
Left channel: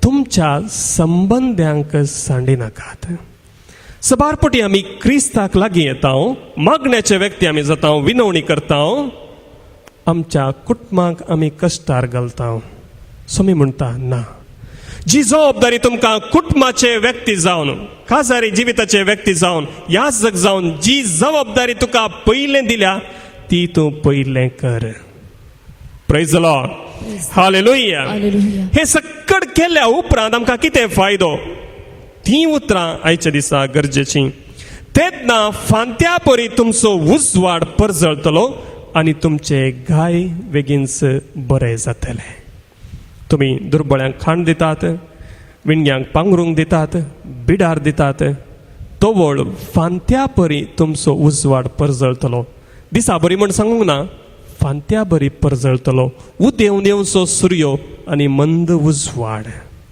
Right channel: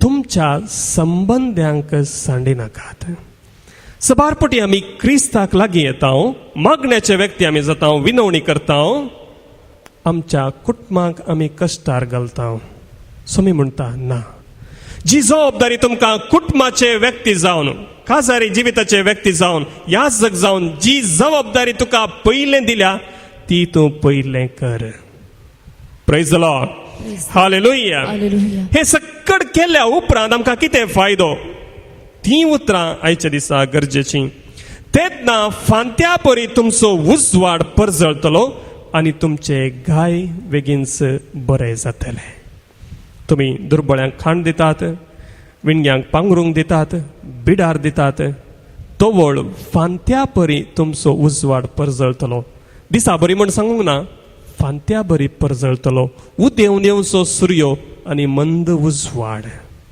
तुमच्या संबंद्यांक सांडी नाकात. सबारपटी आमी क्रिस्ताक लागीं येता, मागण्याचे व्यक्ती आमी जाता, विनवणी करता, आमच्या कुटुंबाक आमी कश्टार घालता. सोमी म्हणटा ना, जी जबाबदारी तुमकां कुटुंबाचे व्यक्ती जावन, खासारी जिविताचे व्यक्ती जावन, याजक जावन जी जबाबदारी तुका पयले दिल्या ती तूं पयले कर. Praise the Lord. Hallelujah. Hallelujah. हे सक्कड केल्या उपरांत आमकां कितें फायदो? ती उतरां आयच्या दिसा गरजेची. तेन्ना फांत्या परी तुमचो उजवाड परजळटलो आनी तुमचे गाय बेगीनच बरें जातले. तुम्ही दुर्बळ्यांक खाण दितात, विणग्यांक पांघरूंक दितात, बिडार दितात, तोवळ फांत्या परी तुमचो उजवाड परजळटलो. दिसा बरी म्हण सांगूंक ना, फांत्या बरी परजळटलो. उदेवनेवचो सूर्य आनी मंद उजवाड.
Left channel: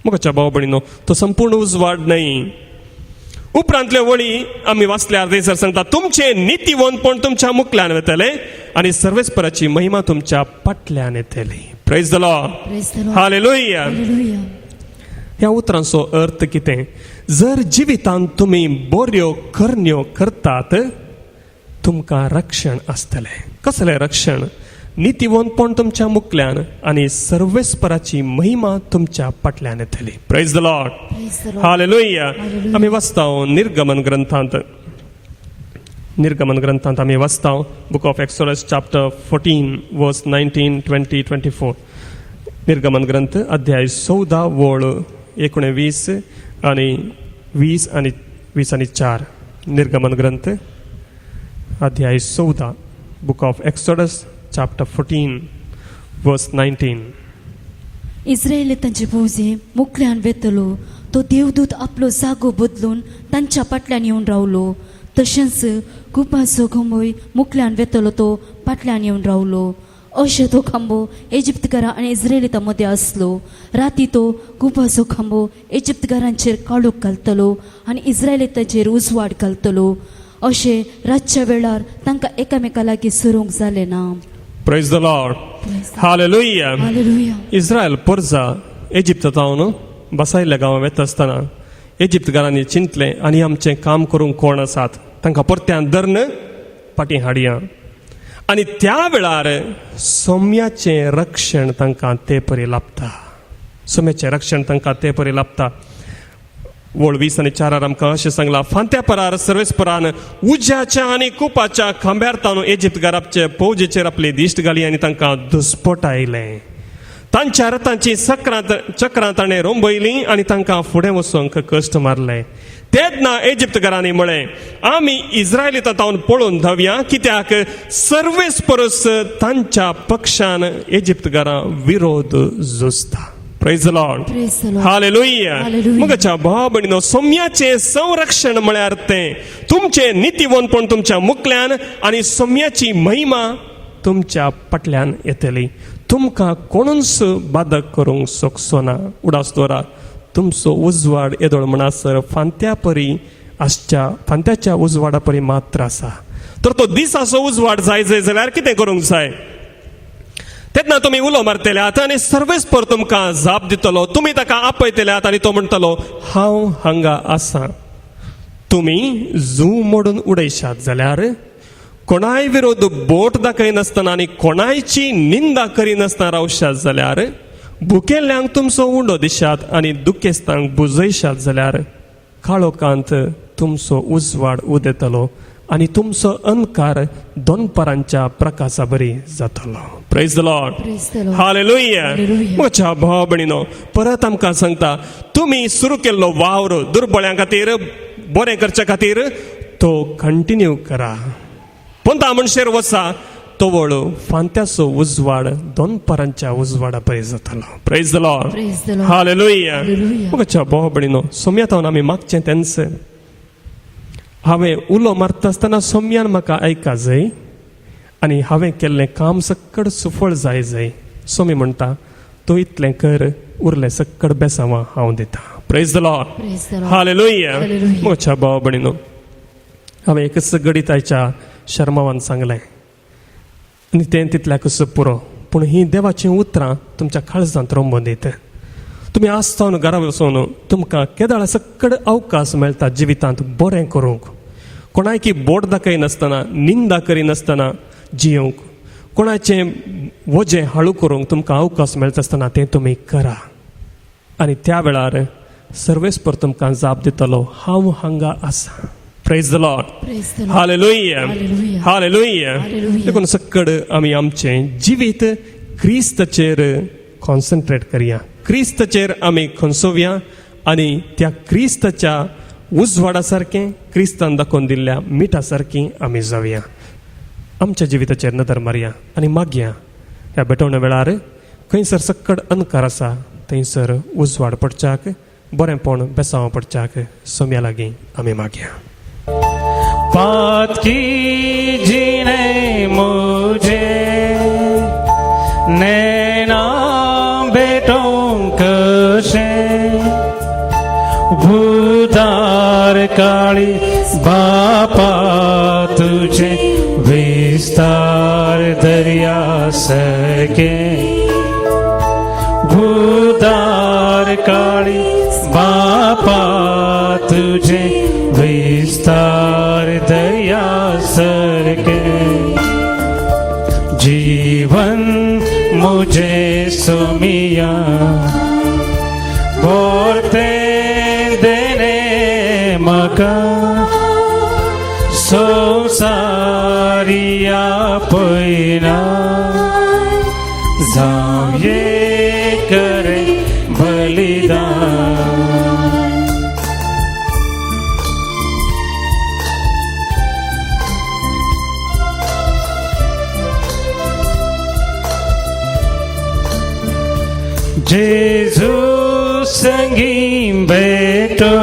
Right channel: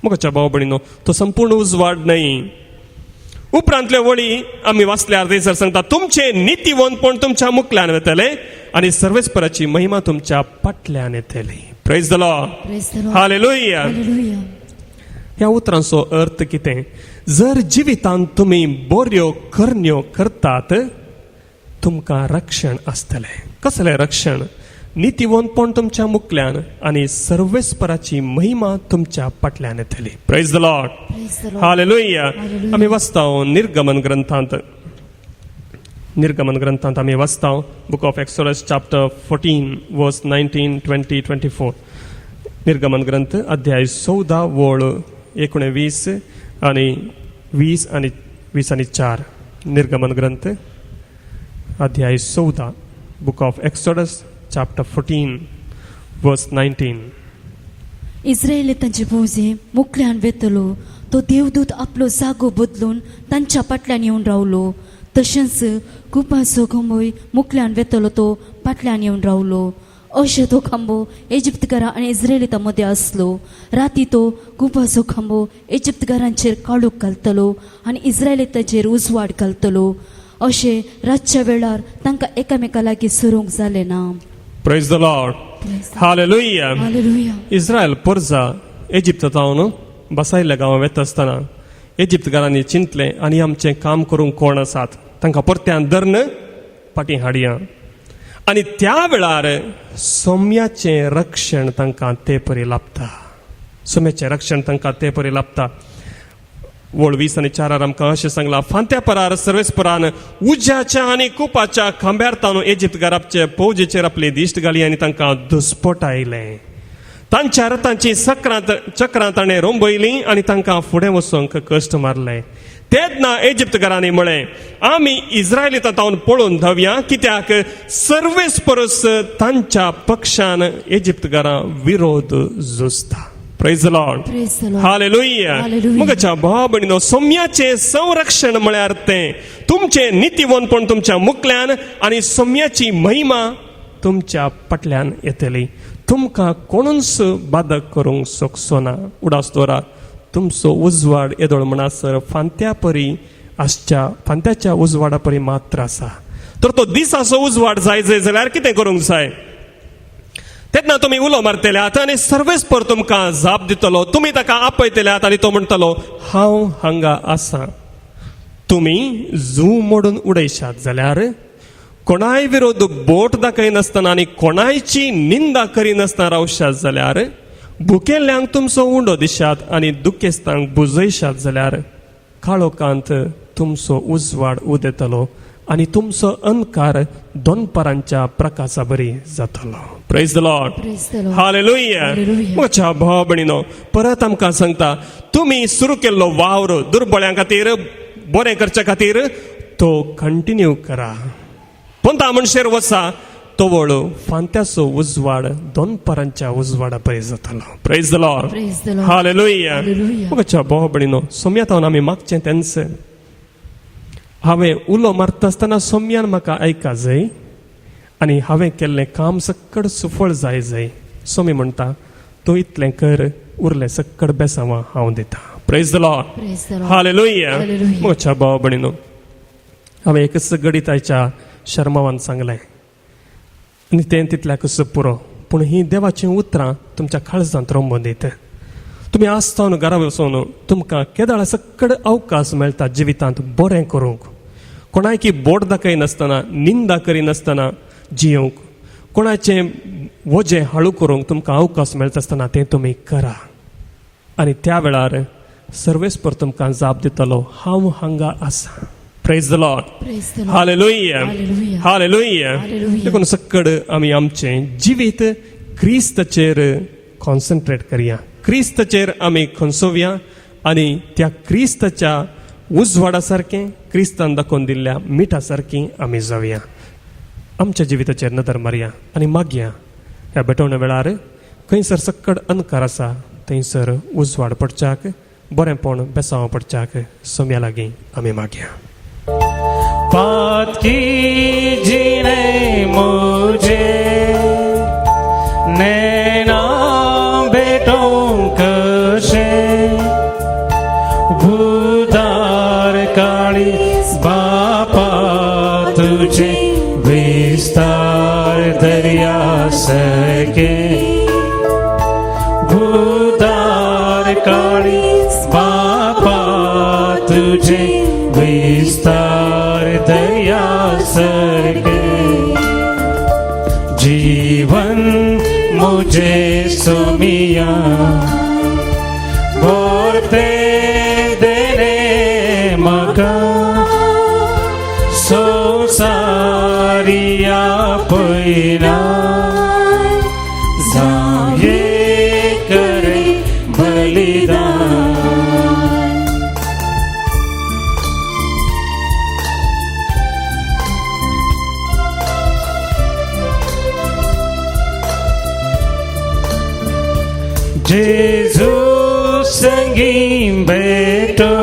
मुखाच्या भाव भयणीनो, तो संपूर्ण उजवाड न्हय. उपरांतल्यो वळी आमी वाचल्यार थंयसर सांगता, तुमचे नितीवंतपण तुमच्या मुखल्यान येतले आनी सर्वेस्पराची महिमा तुमच्या फाटल्यान येतली. Praise the Lord. Praise the Lord. Hallelujah. Hallelujah. ह्या उतरांचो अर्थ कितें? जर जिवितांत तुमी बऱ्यो करण्यो करतात, तुमकां रक्षण आसतलें. कसलें रक्षण? नितीवंतपण तुमच्या मुखल्यान आनी सर्वेस्पराची महिमा तुमच्या फाटल्यान येतली. Praise the Lord. Praise the Lord. Hallelujah. आमी वाचता निर्गमन ग्रंथांत. निर्गमन ग्रंथांत आमी वाचता बुक ऑफ एक्सोडस चॅप्टर 14 वर्स 19, 20, 24. निर्गमन ग्रंथ अध्याय 14 वळ 19 आणि 20 आणि 4. निर्गमन ग्रंथ अध्याय 14 बुक ऑफ एक्सोडस चॅप्टर 14 वर्स 19. इस्रायेल तांचे भोवजे मुखल्यान वेतलो. तो देवदूत आपलो जागो बदलून तांच्या फाटल्यान येवन रावलो. तशेंच कुपाचो खांबोय मुखल्यान वेतलो, तो फाटल्यान येवन रावलो. अशें तो खांबो इजिप्तकारां आनी इस्रायेलितां मदें आसलो. राती तो कुपाचो खांबो इजिप्तकारांचेर काळोख घालतलो आनी इस्रायेलितांचेर उजवाड घालतलो. अशें रातच्या वेळार तांकां एकामेका लागीं सरूंक जालें ना. Praise the Lord. Hallelujah. Hallelujah. Israel परजा इजिप्तांत बसायल्या गांवां वेता आसतना इजिप्तकारांनी चिंतलें, आनी आमचें काम करूंक कोण आसात? तांकां परत्यान धरन फाटीं हाडया. आनी त्या वेळार सोम्याचें रक्षण तांकां ते परी लाभता. सोम्याचें रक्षण तांकां ते परी लाभता. वळ 20 आणि 4 आमकां अशें सांगलां, फांत्या परार सर्वेस्परान उज्याच्या आनी कुपाच्या खांब्यार ताणून इजिप्तकारांचे फौजेचेर आपली दिश्ट घाली आनी तांकां दुस्पट आयले. तांच्या रथांची चक्रां ताणें रोंबयलीं आनी तांकां फुडें वचूंक कश्ट मारले. तेन्ना इजिप्तकारांनी म्हळें, आमी इस्रायलितांतावन पळोवन धांवया, कित्याक सर्वेस्परस तांच्या पक्षान इजिप्तकारां विरोध झुजता. Praise the Lord. Praise the Lord. Hallelujah. Hallelujah. मुखाच्या भाव भयणीनो, सोम्याचे संरक्षण म्हळ्यार तें तुमचे नितीवंतपण तुमच्या मुखल्यान आनी सोम्याची महिमा तुमच्या फाटल्यान येतली. तुमकां कोणूच बाधक करूंक शकचो ना. उडासतोरा तुमचो उजवाड येदोळ म्हणसर फांत्या परी आसच्या, फांत्याच्या उजवाडा परी मात्र आसा. तर तो दिसाचो उजवाड जाय जाल्यार कितें करूंक जाय? तेन्ना तुमी उलो मारतल्यात आनी सर्वेस्पर तुमकां जाप दितलो. तुमी ताका आपयतल्यात आनी तो म्हणटलो, हांव हांगा आसा. तुमी जू मोडून उडयशात जाल्यार, कोणाय विरोध बोट दाखयनासतना आनी कोणायची निंदा करिनासतना रावशात जाल्यार, भुकेल्ल्यांक तुमचो उंडो दिशात आनी दुखेस्तांक बुजयशात जाल्यार, काळोखांत तुमचो उजवाड उदेतलो आनी तुमचो अंधकार दोनपरांच्या प्रकाशा बरी जातलो. Praise the Lord. Praise the Lord. Hallelujah. Hallelujah. म्हज्या भाव भयणीनो, परत आमकां सांगता, तुमी सुरू केल्लो वावर दुर्बळ्यां खातीर, बरें करच्या खातीर तो कंटिन्यू करा. कोणता मनशेर वचा तोवळ फांत्याचो उजवाड दोनपरांच्या उजवाडा पळय जातलो. Praise the Lord. Praise the Lord. Hallelujah. Hallelujah. म्हज्या भाव भयणीनो, सोम्यातावन आमी मागचें तेंच. हांवें उलो मारता आसतना सोम्यान म्हाका आयका जाय आनी हांवें केल्लें काम सक्कड सुफळ जाय जाय. सोमी म्हणटा, तूं इतलें कर, उरलें सक्कड बेसांवां हांव दिता. Praise the Lord. Praise the Lord. Hallelujah. Hallelujah. म्हज्या भाव भयणीनो, हांवें एकच गणिताच्या शर्मावान सांगलें आनी तें तितल्याकच पुरो. पूण ही देवाची उतरां तुमच्या काळजांत रोंबदीत. तुमी आसतना घरा वचून तुमकां केदाळ सक्कड अवकाश मेळटा जिवितांत बरें करूंक. कोणायकी बोट दाखयनासतना, निंदा करिनासतना जियोंक, कोणाचें वजें हाडू करूंक तुमकां अवकाश मेळता आसतना तें तुमी करा. आनी त्या वेळार सर्वेस्पर तुमकां जाप दितलो, हांव हांगा आसा. Praise the Lord. Praise the Lord. Hallelujah. Hallelujah. Hallelujah. Hallelujah. देखून सकड आमी आमचें जिवीत क्रिस्ताचेर कॉन्सन्ट्रेट करया, क्रिस्ताचेर आमी खंचोवया आनी त्या क्रिस्ताच्या उजवाडा सारकें, क्रिस्तान दाखोवन दिल्ल्या मिठा सारकीं आमी जावया. आमच्या जिविताचेर नदर मारया आनी मागया ह्या भेटवण्या वेळार खंयसर सकड अंधकार आसा थंयसर उजवाड पडच्याक, बरेंपण बेसांव पडच्याक सोम्या लागीं आमी मागया. बात कीजिए मुझे नैना बेटों कशे उदार काळी बापा तुझे विस्तार दरिया सके उदार काळी बापा तुझे विस्तार दया सरके जीवन मुझे सुमिया बोलते देने मका संसारिया पैना जाये करे बलिदान. जेजू संगीन बेटो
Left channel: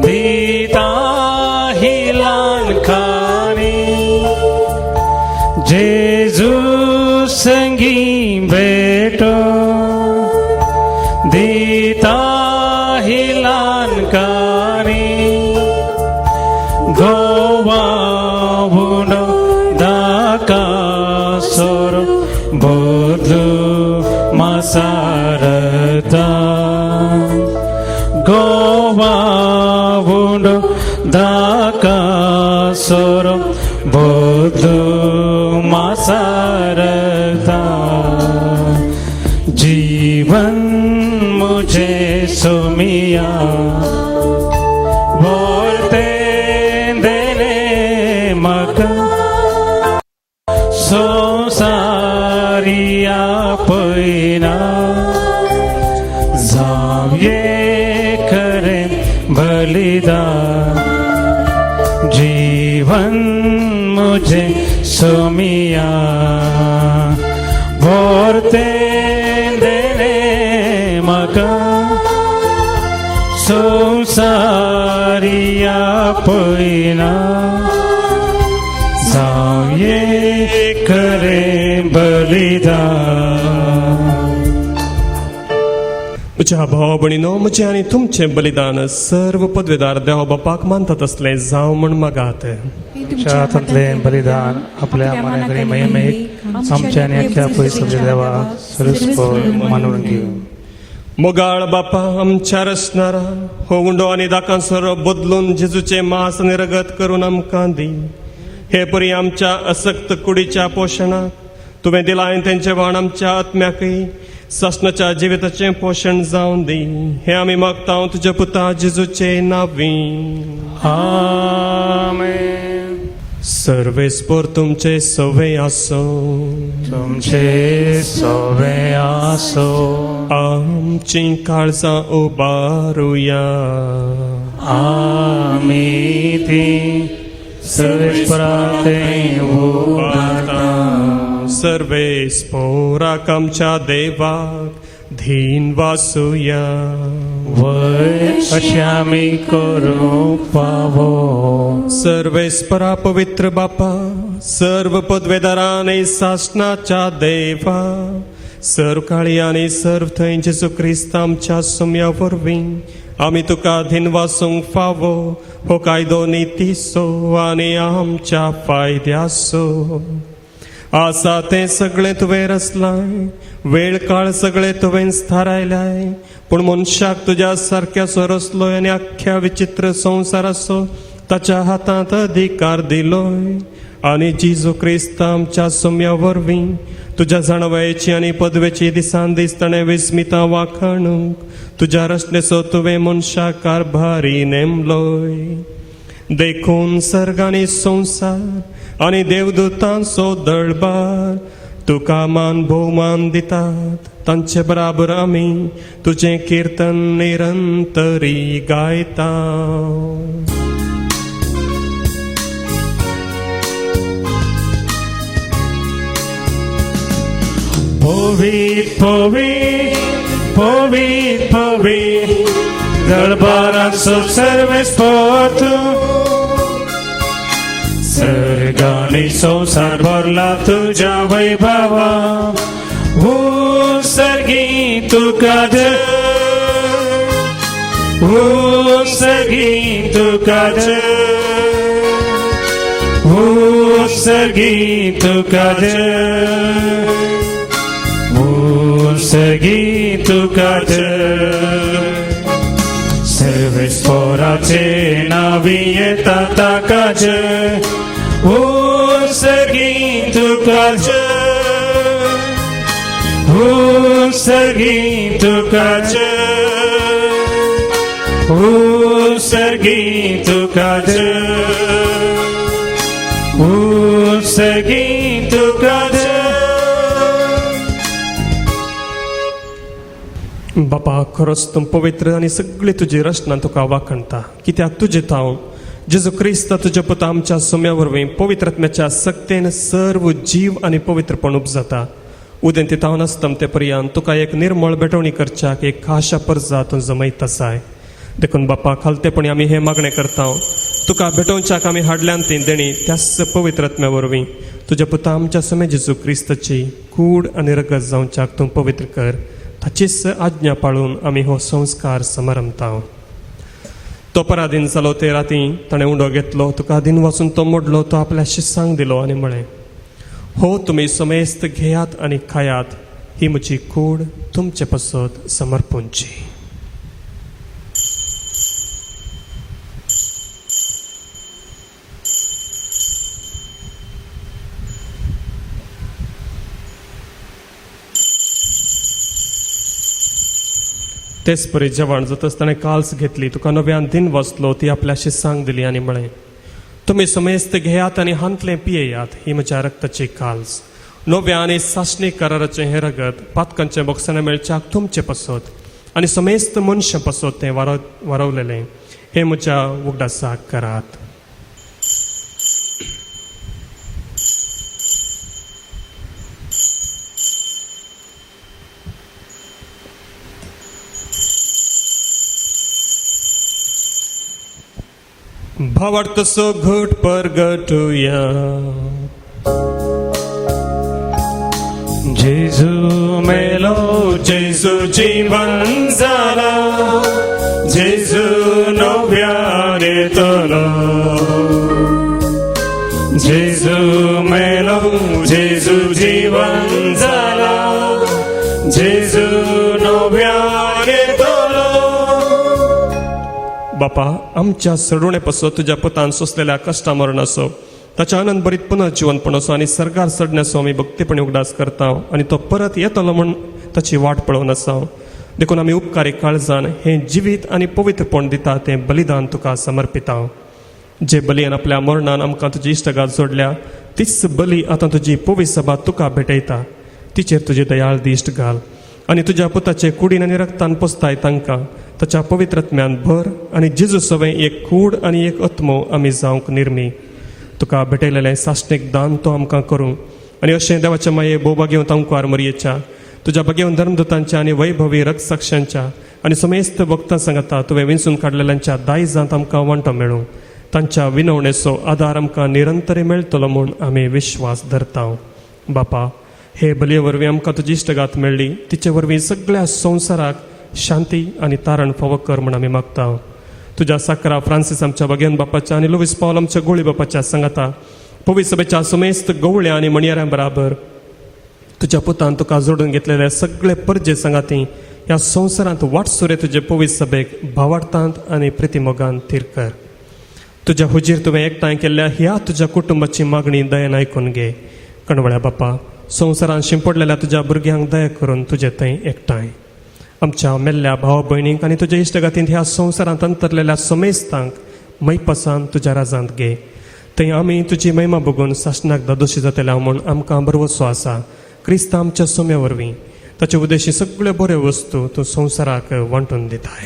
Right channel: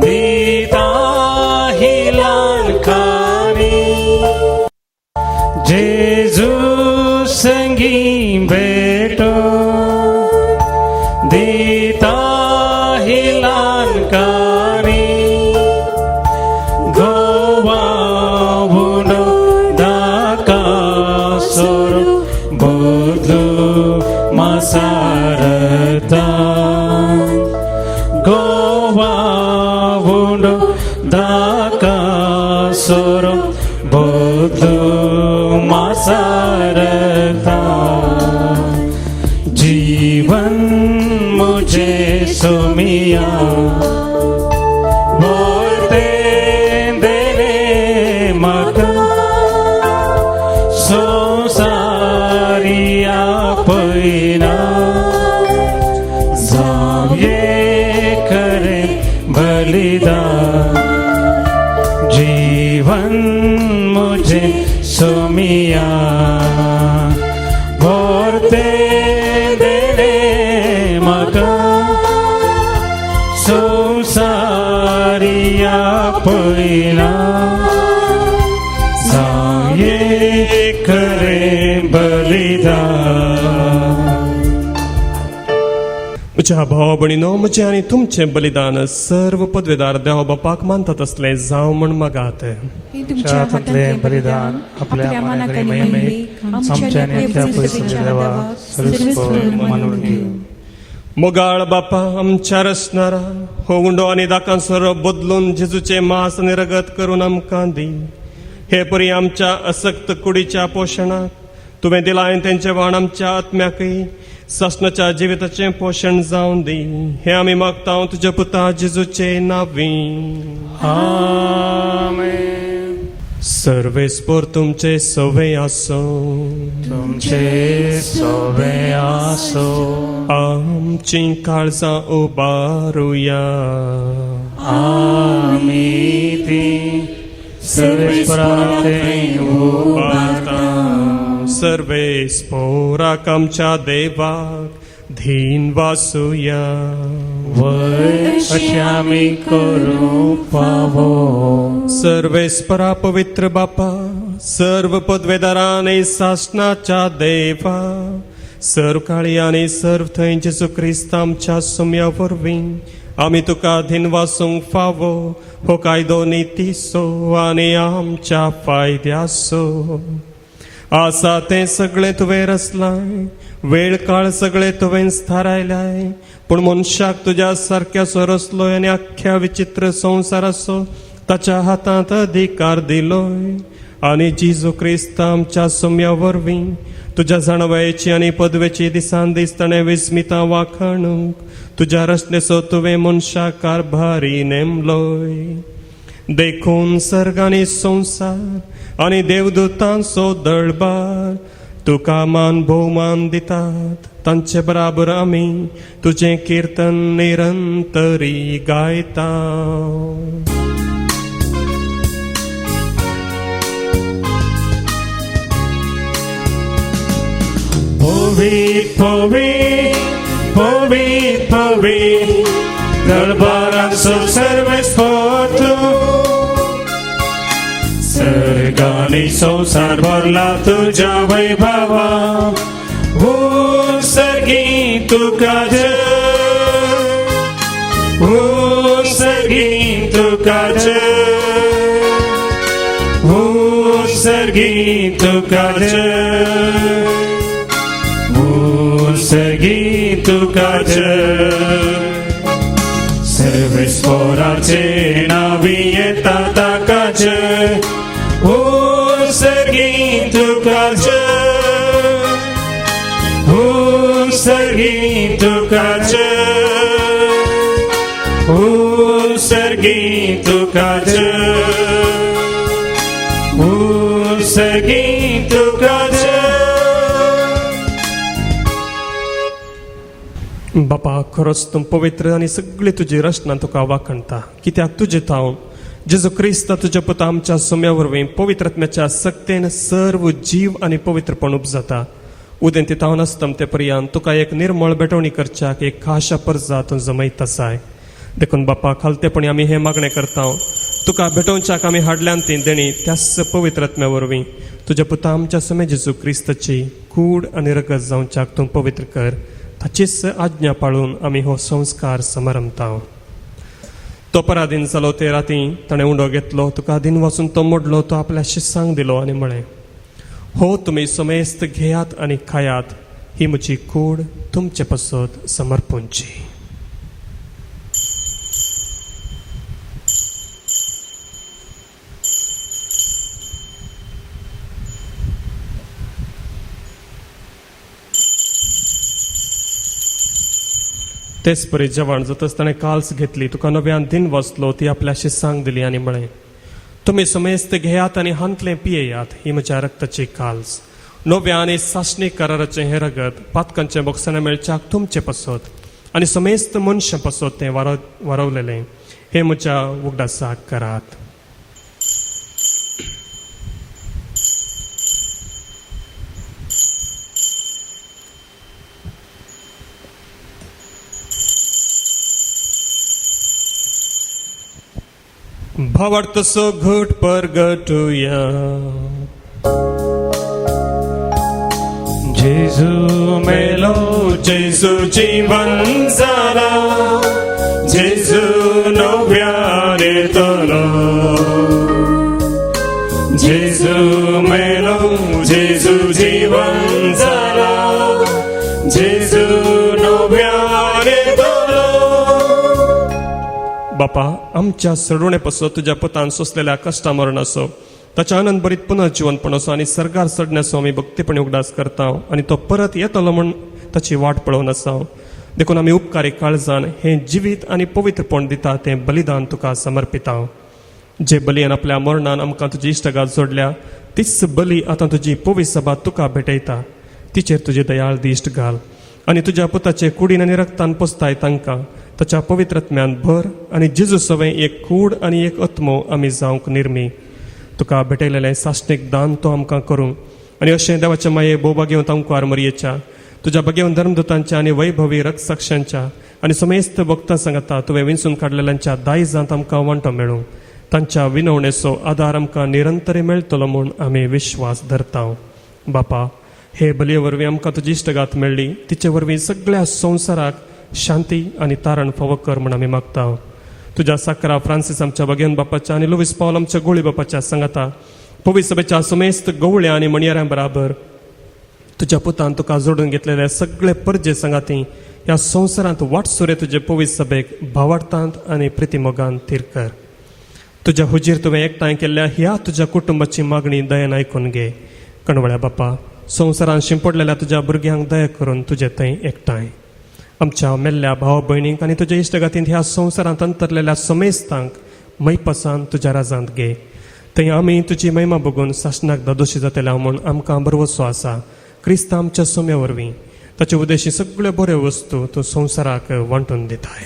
दीता हिलाल खारी जेजू संगीन बेटो दीता हिलाल कारी गोवा बुडो दाका सोरो Bodhu Masarata Goa Vundo Daka Soro Bodhu Masarata Jivan Mujhe Sumiya Bolte Dene Maka Sosariya ये करे बलिदान जीवन मुझे सुमिया बोलते देने मका संसारिया पैना ये करे बलिदान. म्हज्या भाव भयणीनो, म्हजें आनी तुमचें बलिदान सर्व पदवेदार देवा बापाक मानतात असलें जावं म्हण मागात. हातातले बलिदान आपल्या मनाकडे महिमेत आमच्या आणि अख्ख्या परिसराच्या देवा सर्वस्व मानून घेऊ. मोगाळ बापा आमच्या रचणारा हो गुंडो आनी दाकांसर बदलून जेजूचे मांस आनी रगत करून आमकां दी. हे परी आमच्या असक्त कुडीच्या पोशणाक तुवें दिलां तेंचे वाण आमच्या आत्म्याकय ससनाच्या जिविताचें पोशण जावन दी. हे आमी मागता तुज्या पुता जेजूचे नांवी. आमेन. सर्वेस्पर तुमचे सवे आसो, तुमचे सवे आसो. आमची काळजां उबारुया. आमी ती सर्वेस्पराचे उबारता. सर्वेस्पराक आमच्या देवाक धीन वासुया. वय अशें आमी करूंक फावो. सर्वेस्परा पवित्र बापा, सर्व पदवेदारा आनी सासणाच्या देवा, सर्व काळी आनी सर्व थंय जेजू क्रिस्त आमच्या सुम्या वरवीं आमी तुका धीन वासूंक फावो. हो कायदो नितीसो आनी आमच्या फायद्याचो आसा ते सगळे तुवें रचलाय. वेळ काळ सगळे तुवें थारायलाय. पूण मनशाक तुज्या सारक्याचो रचलोय आनी अख्ख्या विचित्र संवसाराचो ताच्या हातांत अधिकार दिलोय. आणि जेजू क्रिस्त आमच्या सोम्या वरवीं तुझ्या जाणवायेची आणि पदवेची दिसान दिसताना विस्मिता वाखणूक तुझ्या रचनेचो तुवें मनशा कारभारी नेमलोय. देखून सर्ग आनी संसार आणि देवदूतांचो दळबार तुका मान भोवमान दितात. तांचे बराबर आमी तुझें कीर्तन निरंतरी गायता. Povit, povit, povit, povit, दरबारात सर्वेस पोहोचो. सर्गाने संसार भरला तुझ्या वैभवा. सर्गी तुका जय, सर्गी तुका जय, सर्गी तुका जय, सर्गी तुका जय. सर्वेस पोराचे नावी येता ताका जय. सर्गी तुका जय, सर्गी तुका जय, सर्गी तुका जय, सर्गी तुका जय. बापा खरोच तूं पवित्र आनी सगळी तुजी रचना तुका वाखणता. कित्याक तुजे ताव जेजू क्रिस्त तुज्या पुता आमच्या सोम्या वरवीं पवित्रत्म्याच्या सक्तेन सर्व जीव आनी पवित्रपण उपजाता. उदें ती तावन आसतम ते पर्यंत तुका एक निर्मळ बेटवणी करच्याक एक खाशा परजा तूं जमयत आसाय. देखून बापा खालतेपणी आमी हे मागणें करता. तुका भेटोवच्याक आमी हाडल्यान ती देणी त्याच पवित्रत्म्या वरवीं तुज्या पुता आमच्या सोम्या जेजू क्रिस्तची कूड आनी रगत जावच्याक तूं पवित्र कर. ताचीच आज्ञा पाळून आमी हो संस्कार समारंभता. तो पराधीन जालो ते राती ताणें उंडो घेतलो. तुका आदीन वचून तो मोडलो. तो आपल्या शिष्यांक दिलो आनी म्हळें, हो तुमी समेस्त घेयात आनी खायात. ही म्हजी कूड तुमचे पसत समर्पूंची. तेच परी जेवण जातच ताणें काल्स घेतली. तुका नव्यान दिन वचलो. ती आपल्या शिष्यांक दिली आनी म्हळें, तुमी समेस्त घेयात आनी हांतले पियेयात. ही म्हज्या रक्ताची काल्स. नव्या आनी सासणी कराराचे हे रगत पातकांचे बोक्साने मेळच्याक तुमचे पसत आनी समेस्त मनशां पसत ते वारवलेले. हे म्हज्या उगडासाक करात. भावार्थ सो घट परगटुया. जेजू मेलो, जेजू जीवन जालो, जेजू नव्यान येतलो. जेजू मेलो, जेजू जीवन जालो, जेजू नव्यान येतलो. बापा आमच्या सडोणे पासो तुझ्या पुतान सोसलेल्या कश्टा मरण असो, ताच्या आनंद भरीत पुनर्जीवनपण असो आनी सर्गार चडण्याचो आमी भक्तीपणे उगडास करता आनी तो परत येतलो म्हण ताची वाट पळोवन आसा. देखून आमी उपकारी काळजान हे जिवीत आनी पवित्रपण दिता ते बलिदान तुका समर्पिता. जे बलियेन आपल्या मरणान आमकां तुजी इश्टगात जोडल्या तीच बली आतां तुजी पवित्र सभा तुका भेटयता. तिचेर तुजी दयाळ दिश्ट घाल आनी तुज्या पुताचे कुडीन आनी रक्तान पोसताय तांकां ताच्या पवित्रत्म्यान भर आनी जेजू सवे एक कूड आनी एक आत्मो आमी जावंक निर्मी. तुका भेटयलेलें साश्टीक दान तो आमकां करूं आनी अशें देवाच्या माये बोबा घेवन तांकां मरयेच्या तुज्या बगेवन धर्मदूतांच्या आनी वैभवी रक्षसाक्षांच्या आनी समेस्त भक्तां सांगता तुवें विंचून काडलेल्यांच्या दायजांत आमकां वांटो मेळूं. तांच्या विनवणेचो आदार आमकां निरंतरी मेळटलो म्हूण आमी विश्वास धरता. बापा हे बलये वरवीं आमकां तुजी इश्टगात मेळ्ळी. तिचे वरवीं सगळ्या संवसाराक शांती आनी तारण फावो कर म्हूण आमी मागता. तुझ्या साकरा फ्रांसीस आमच्या बगेन बापाच्या आनी लुईस पॉल आमच्या गोळी बापाच्या सांगाता पवित्र सभेच्या समेस्त गवळ्या आनी मणयाऱ्यां बराबर तुझ्या पुतान तुका जोडून घेतलेले सगळे परजे सांगाती ह्या संवसारांत वाट सुरे तुजे पवित्र सभेक भावार्थांत आनी प्रितीमोगान थीर कर. तुझ्या हुजीर तुवें एकठांय केल्ल्या ह्या तुझ्या कुटुंबाची मागणी दयेन आयकून घे. कणवळ्या बापा, संवसारान शिंपडलेल्या तुझ्या भुरग्यांक दया करून तुझे थंय एकठांय. आमच्या मेल्ल्या भाव भयणींक आनी तुज्या इश्टगातीन ह्या संवसारांत अंतरलेल्या समेस्तांक मैपासान तुज्या राजांत घे. थंय आमी तुजी महिमा बघून सासणाक दोशी जातल्या म्हूण आमकां भरवसो आसा. क्रिस्त आमच्या सोम्या वरवीं ताचे उद्देशी सगळ्यो बऱ्यो वस्तू तूं संवसाराक वांटून दिताय.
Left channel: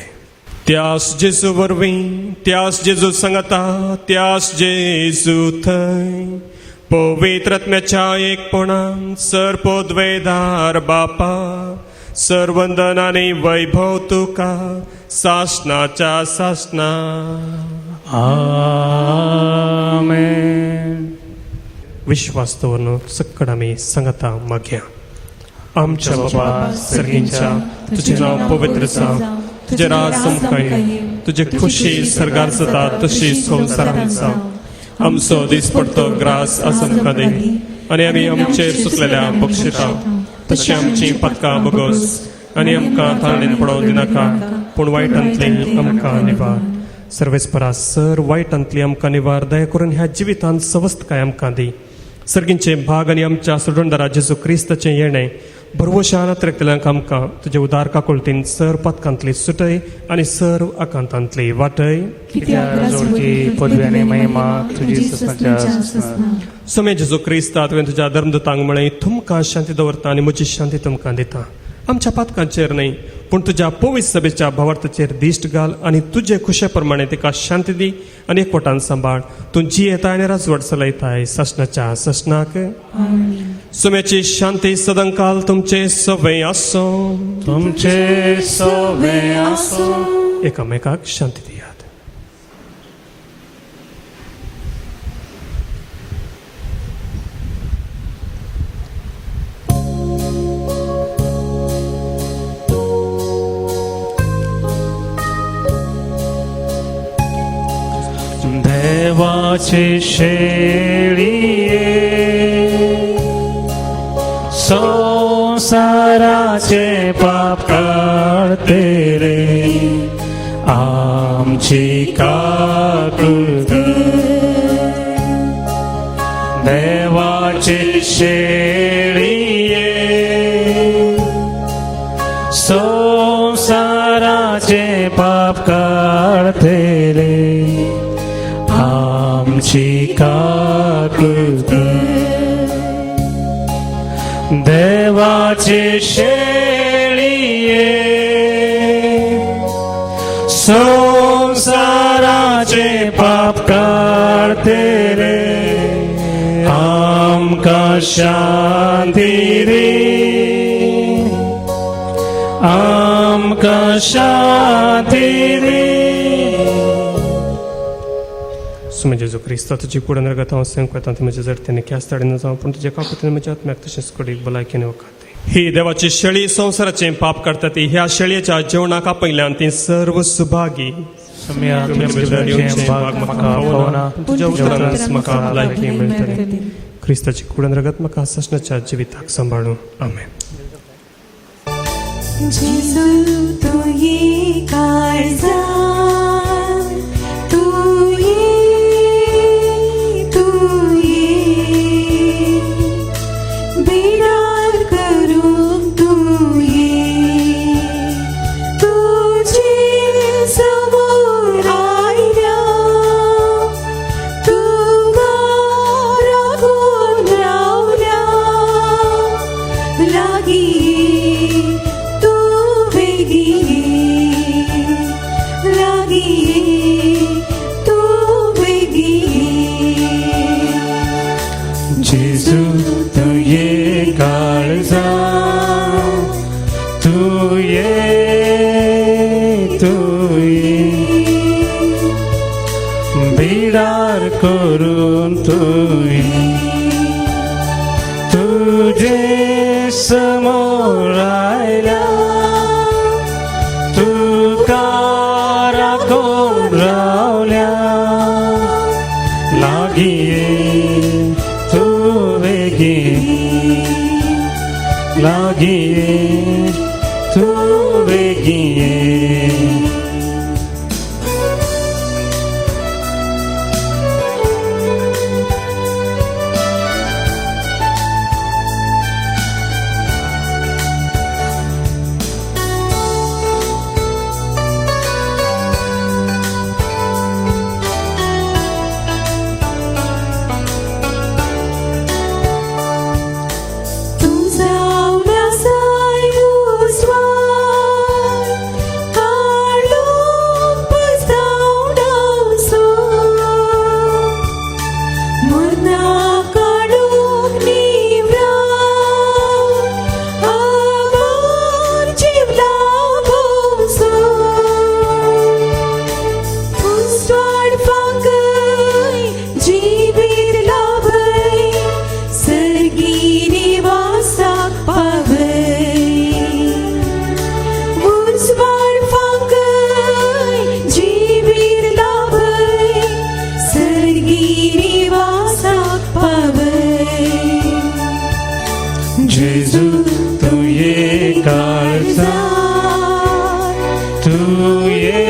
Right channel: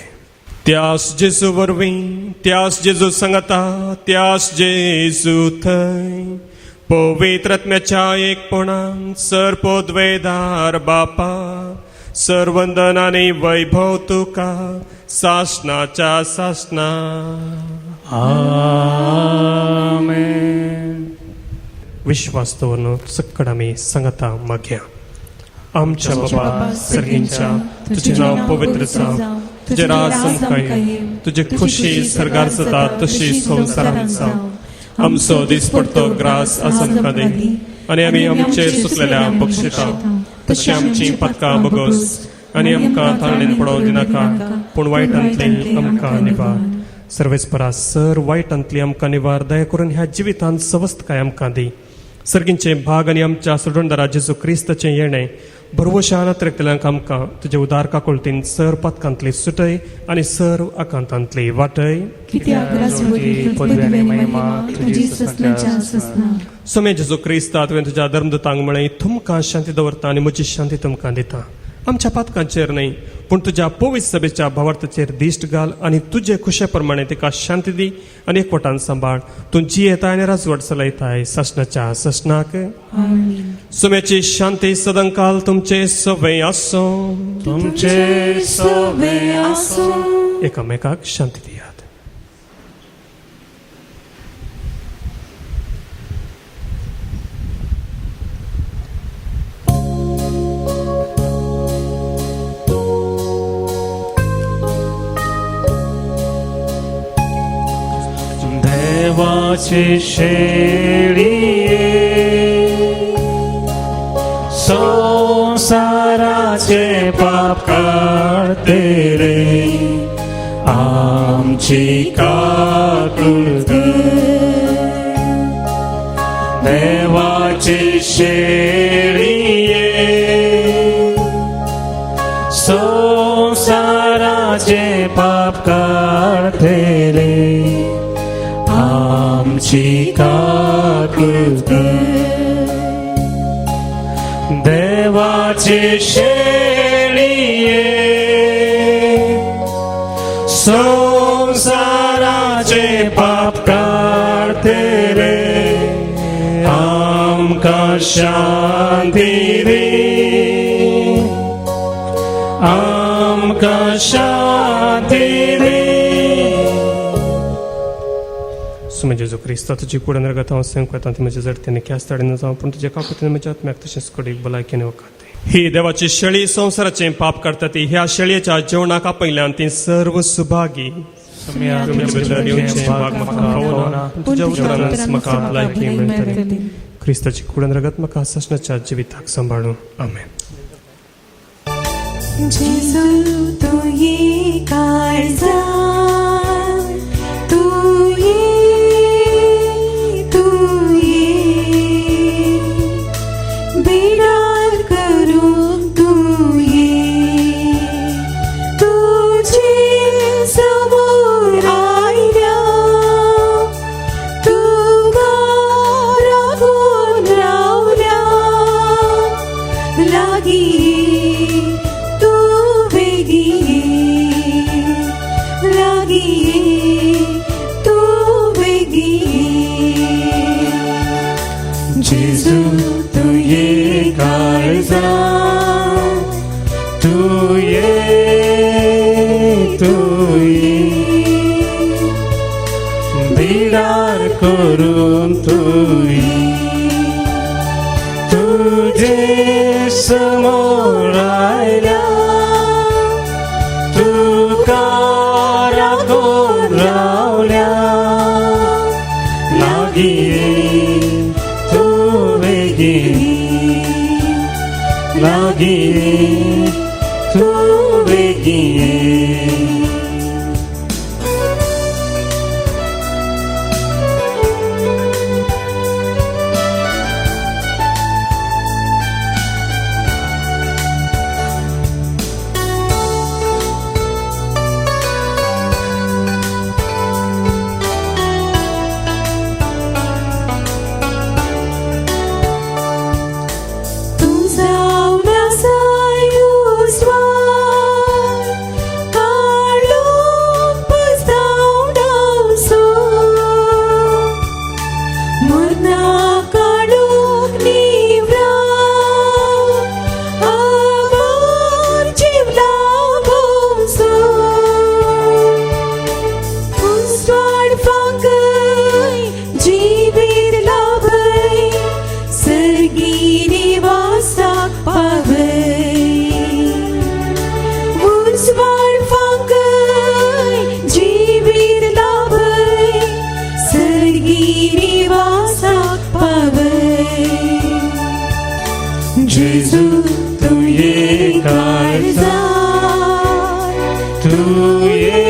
त्यास जेजू वरवीं, त्यास जेजू सांगता, त्यास जेजू थंय पवित्र आत्म्याच्या एकपणान सरपोद्वेदार बापा, सर्वंदन आनी वैभव तुका सासणाच्या सासणा. आमेन. विश्वास दवरून सक्कड आमी सांगता मागया. आमच्या बाबा सर्गींच्या, तुझे नाव पवित्र जावं, तुझे राज संपय, तुझे खुशी सरगार जाता तशी संवसारांत जावं. आमचो दीस पडतो ग्रास आसन कदे, आनी आमी आमचे सुटलेल्या बक्षिता तशी आमची पदकां बगोस, आनी आमकां ताळणेन पडोवंक दिनाका, पूण वायटांतली आमकां निवार. सर्वेस्परा सर वायटांतली आमकां निवार. दया करून ह्या जिवितांत सवस्थकाय आमकां दी. सर्गींचे भाग आनी आमच्या सुडोंडरा जेजू क्रिस्ताचें येणें भरवशान त्रेकतल्यांक आमकां तुजे उदार काकुळतीन सर पदकांतली सुटय आनी सर आकांतांतली वाटय. पदवी आनी महिमा तुजी सदांच्या. सोमे जेजू क्रिस्ता, तुवें तुज्या धर्मदूतांक म्हळें तुमकां शांती दवरता आनी म्हजी शांती तुमकां दिता. आमच्या पातकांचेर न्हय पूण तुज्या पवित्र सभेच्या भावार्थाचेर दिश्ट घाल आनी तुजे खुशे प्रमाणे तिका शांती दी आनी एकवटान सांबाळ. तुमची येता आनी राजवट चलयताय ससनाच्या ससनाक. सुम्याची शांती सदांकाल तुमचे सवे आसो. तुमचे सवे आसो. एकामेकाक शांती दियात. देवाची शेळिये संसाराचे पाप काढते रे, आमची काकुळते. देवाची शेळिये संसाराचे पाप काढते रे, आमची काकुळते. देवाची शेळिये संसाराचे पाप काढते रे, आमकां शांती रे, आमकां शांती रे. सुमे जेजू क्रिस्ता, तुजी कुडे नरगत हांव संकटांत म्हज्या जरतेने ख्यास ताडीन जावं, पूण तुजे काकुतीन म्हज्या आत्म्याक तशेंच कडीक भलायकेन वखात. ही देवाची शेळी संवसाराचें पाप काडटा ती. ह्या शेळयेच्या जेवणाक आपयल्यान ती सर्व सुभागी. तुज्या उतरांत म्हाका भलायकी मेळटली. क्रिस्ताची कुडे नरगत म्हाका ससनाच्या जिविताक सांबाळूं. आमेन. जेजू तू ये काळजा, तू ये बेडार करून तू ये, तुझे समोर आयल्या तू रागून रावल्या लागी तू वेगी लागी तू वेगी. जेजू तू ये काळजा, तू ये बिडार करून तू ये, तुझे समोर आयल्या तुका राखून रावल्या लागी तू वेगी लागी तू वेगी. काळजा तू ये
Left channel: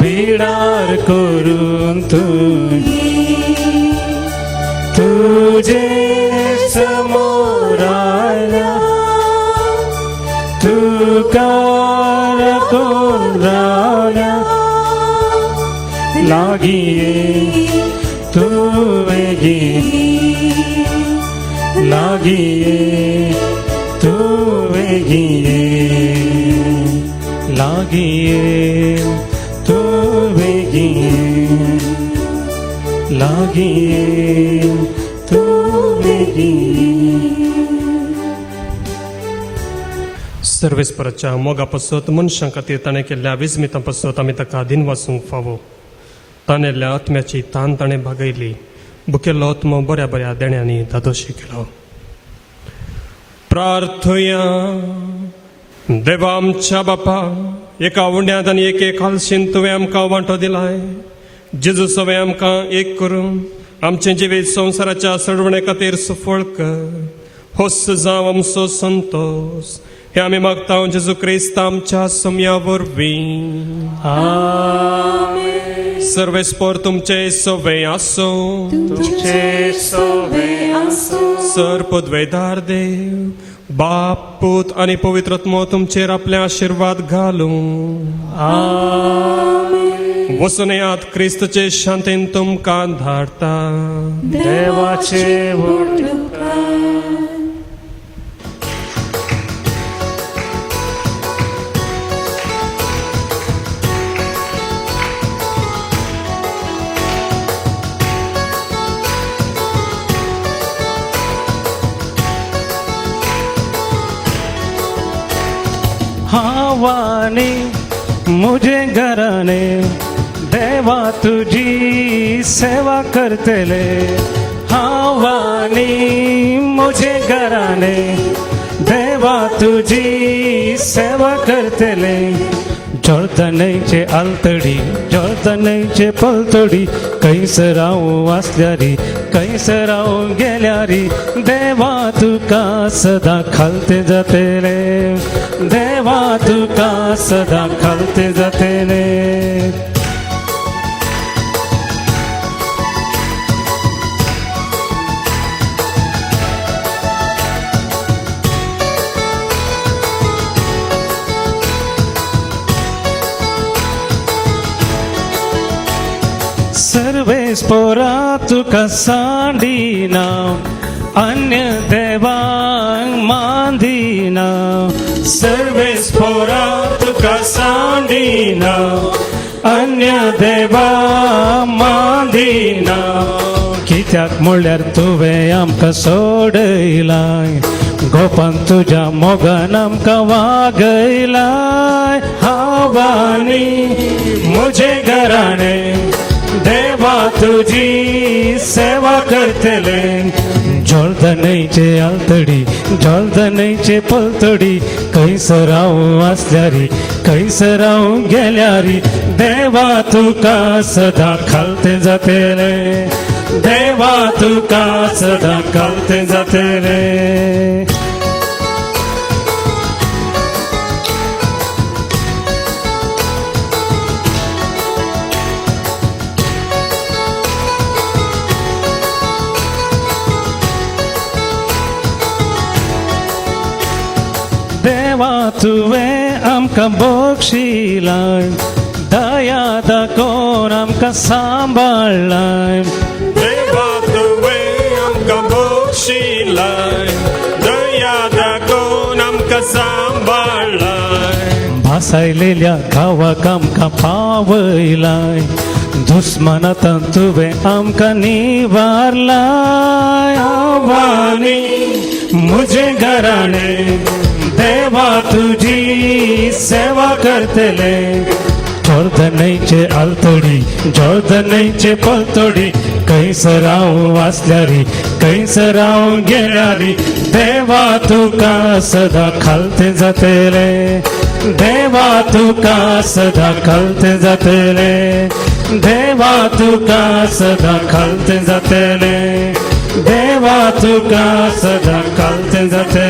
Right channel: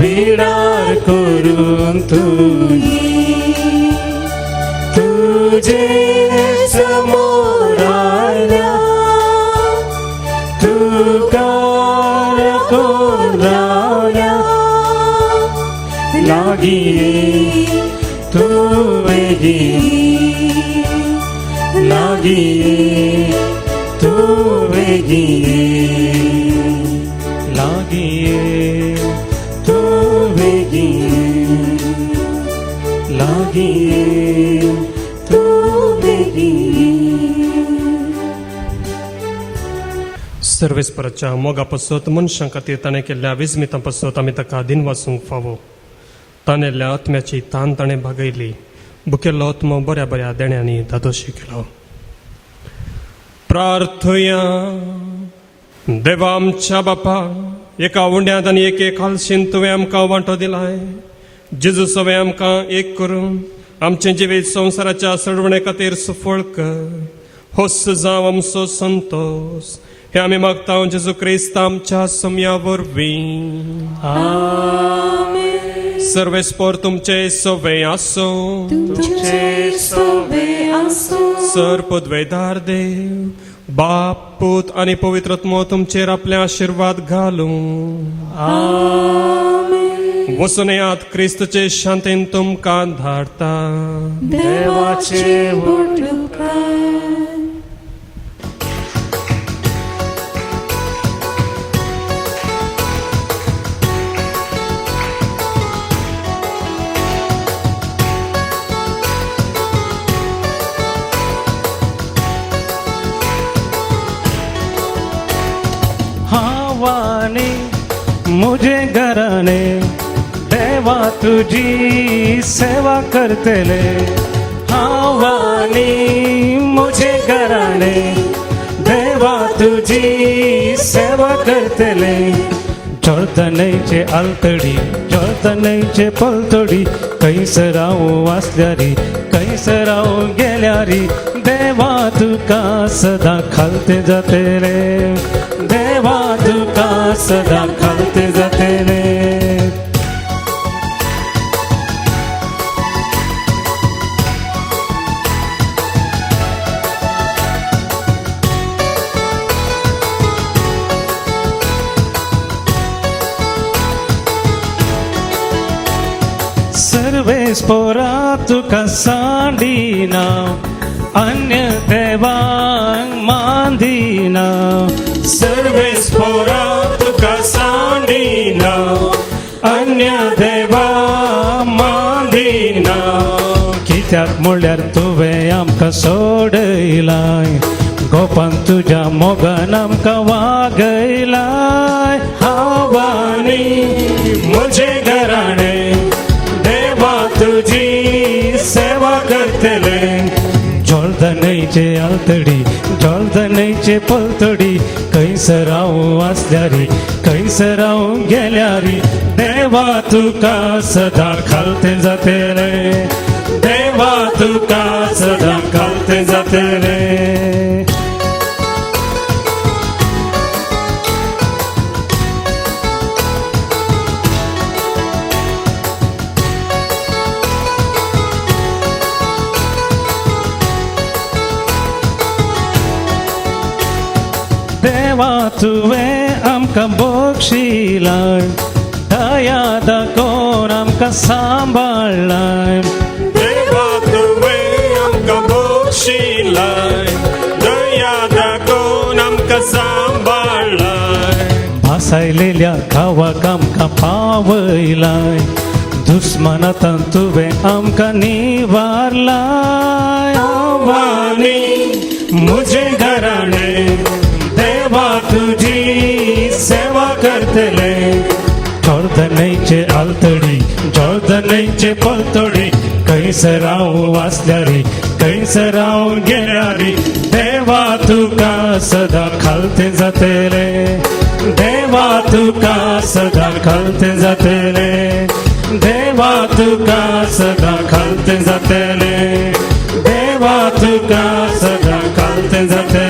बिडार करून तू तुझे समोर आल्या तू कार कोराला लागी तू वेगी लागी तू वेगी लागी तू वेगी लागी तू वेगी. सर्वेस्पराच्या मोगा पासत मनशां खातीर ताणें केल्ल्या विस्मितां पासत आमी ताका दिन वाचूंक फावो. ताणेल्ल्या आत्म्याची तान ताणें भागयली. बुकेल्लो आत्मो बऱ्या बऱ्या देण्यांनी दादोशी केलो. प्रार्थया. देवा आमच्या बापा, एका उंड्यांत आनी एक हालशेन तुवें आमकां वांटो दिलाय. जेजू सवे आमकां एक करून आमचे जिवीत संवसाराच्या सडवणे खातीर सफळ कर. होस जाव आमचो संतोष. हे आमी मागता जेजू क्रिस्त आमच्या समया वरवीं. सर्वेस्पर तुमचे सवे आसो. तुमचे सवे आसो. सर्पद्वैधार देव, बाप, पूत आणि पवित्रत्म तुमचेर आपले आशीर्वाद घालूं. वचून येयात क्रिस्तचे शांतीन तुमकां धाडटा. देवाचे हावाने मुझे घराने देवा तुझी सेवा करतेले. हावानी मुझे घराने देवा तुझी सेवा करतेले. जळतनेचे आलतडी जळतनेचे पलतडी कैसराव वाचल्यारी कैसराव गेल्यारी देवा तुका सदा खालते जाते रे. देवा तुका सदा खालते जाते रे. सर्वेस्पोरा तुका सांडिना अन्य देवांक मांदिना. सर्वेस्पोरा तुका सांडिना अन्य देवा मांदिना. कित्याक म्हळ्यार तुवें आमकां सोडयलाय. गोपान तुज्या मोगान आमकां वागयलाय. हावानी म्हजे घराणे देवा तुझी सेवा करतले. जळतनेचे आलतडी जळतनेचे पलतडी कैसराव वाचल्यारी कैसराव गेल्यारी देवा तुका सदा खालते जाते रे. देवा तुका सदा खालते जाते रे. देवा तुवें आमकां बक्षिलाय. दया दाखोवन आमकां सांबाळलाय. देवा तुवें आमकां बक्षिलाय. दया दाखोवन आमकां सांबाळलाय. भासायलेल्या गांवाक आमकां पावयलाय. दुस्मानांतल्यान तुवें आमकां निवारलाय. आव्हानी म्हजे घराणे देवा तुझी सेवा करतले. जळतनेचे आलतडी जळतनेचे पलतडी कैसराव वाचल्यारी कैसराव गेल्यारी देवा तुका सदा खालते जाते रे. देवा तुका सदा खालते जाते रे. देवा तुका सदा खालते जाते रे. देवा तुका सदा कालते जाते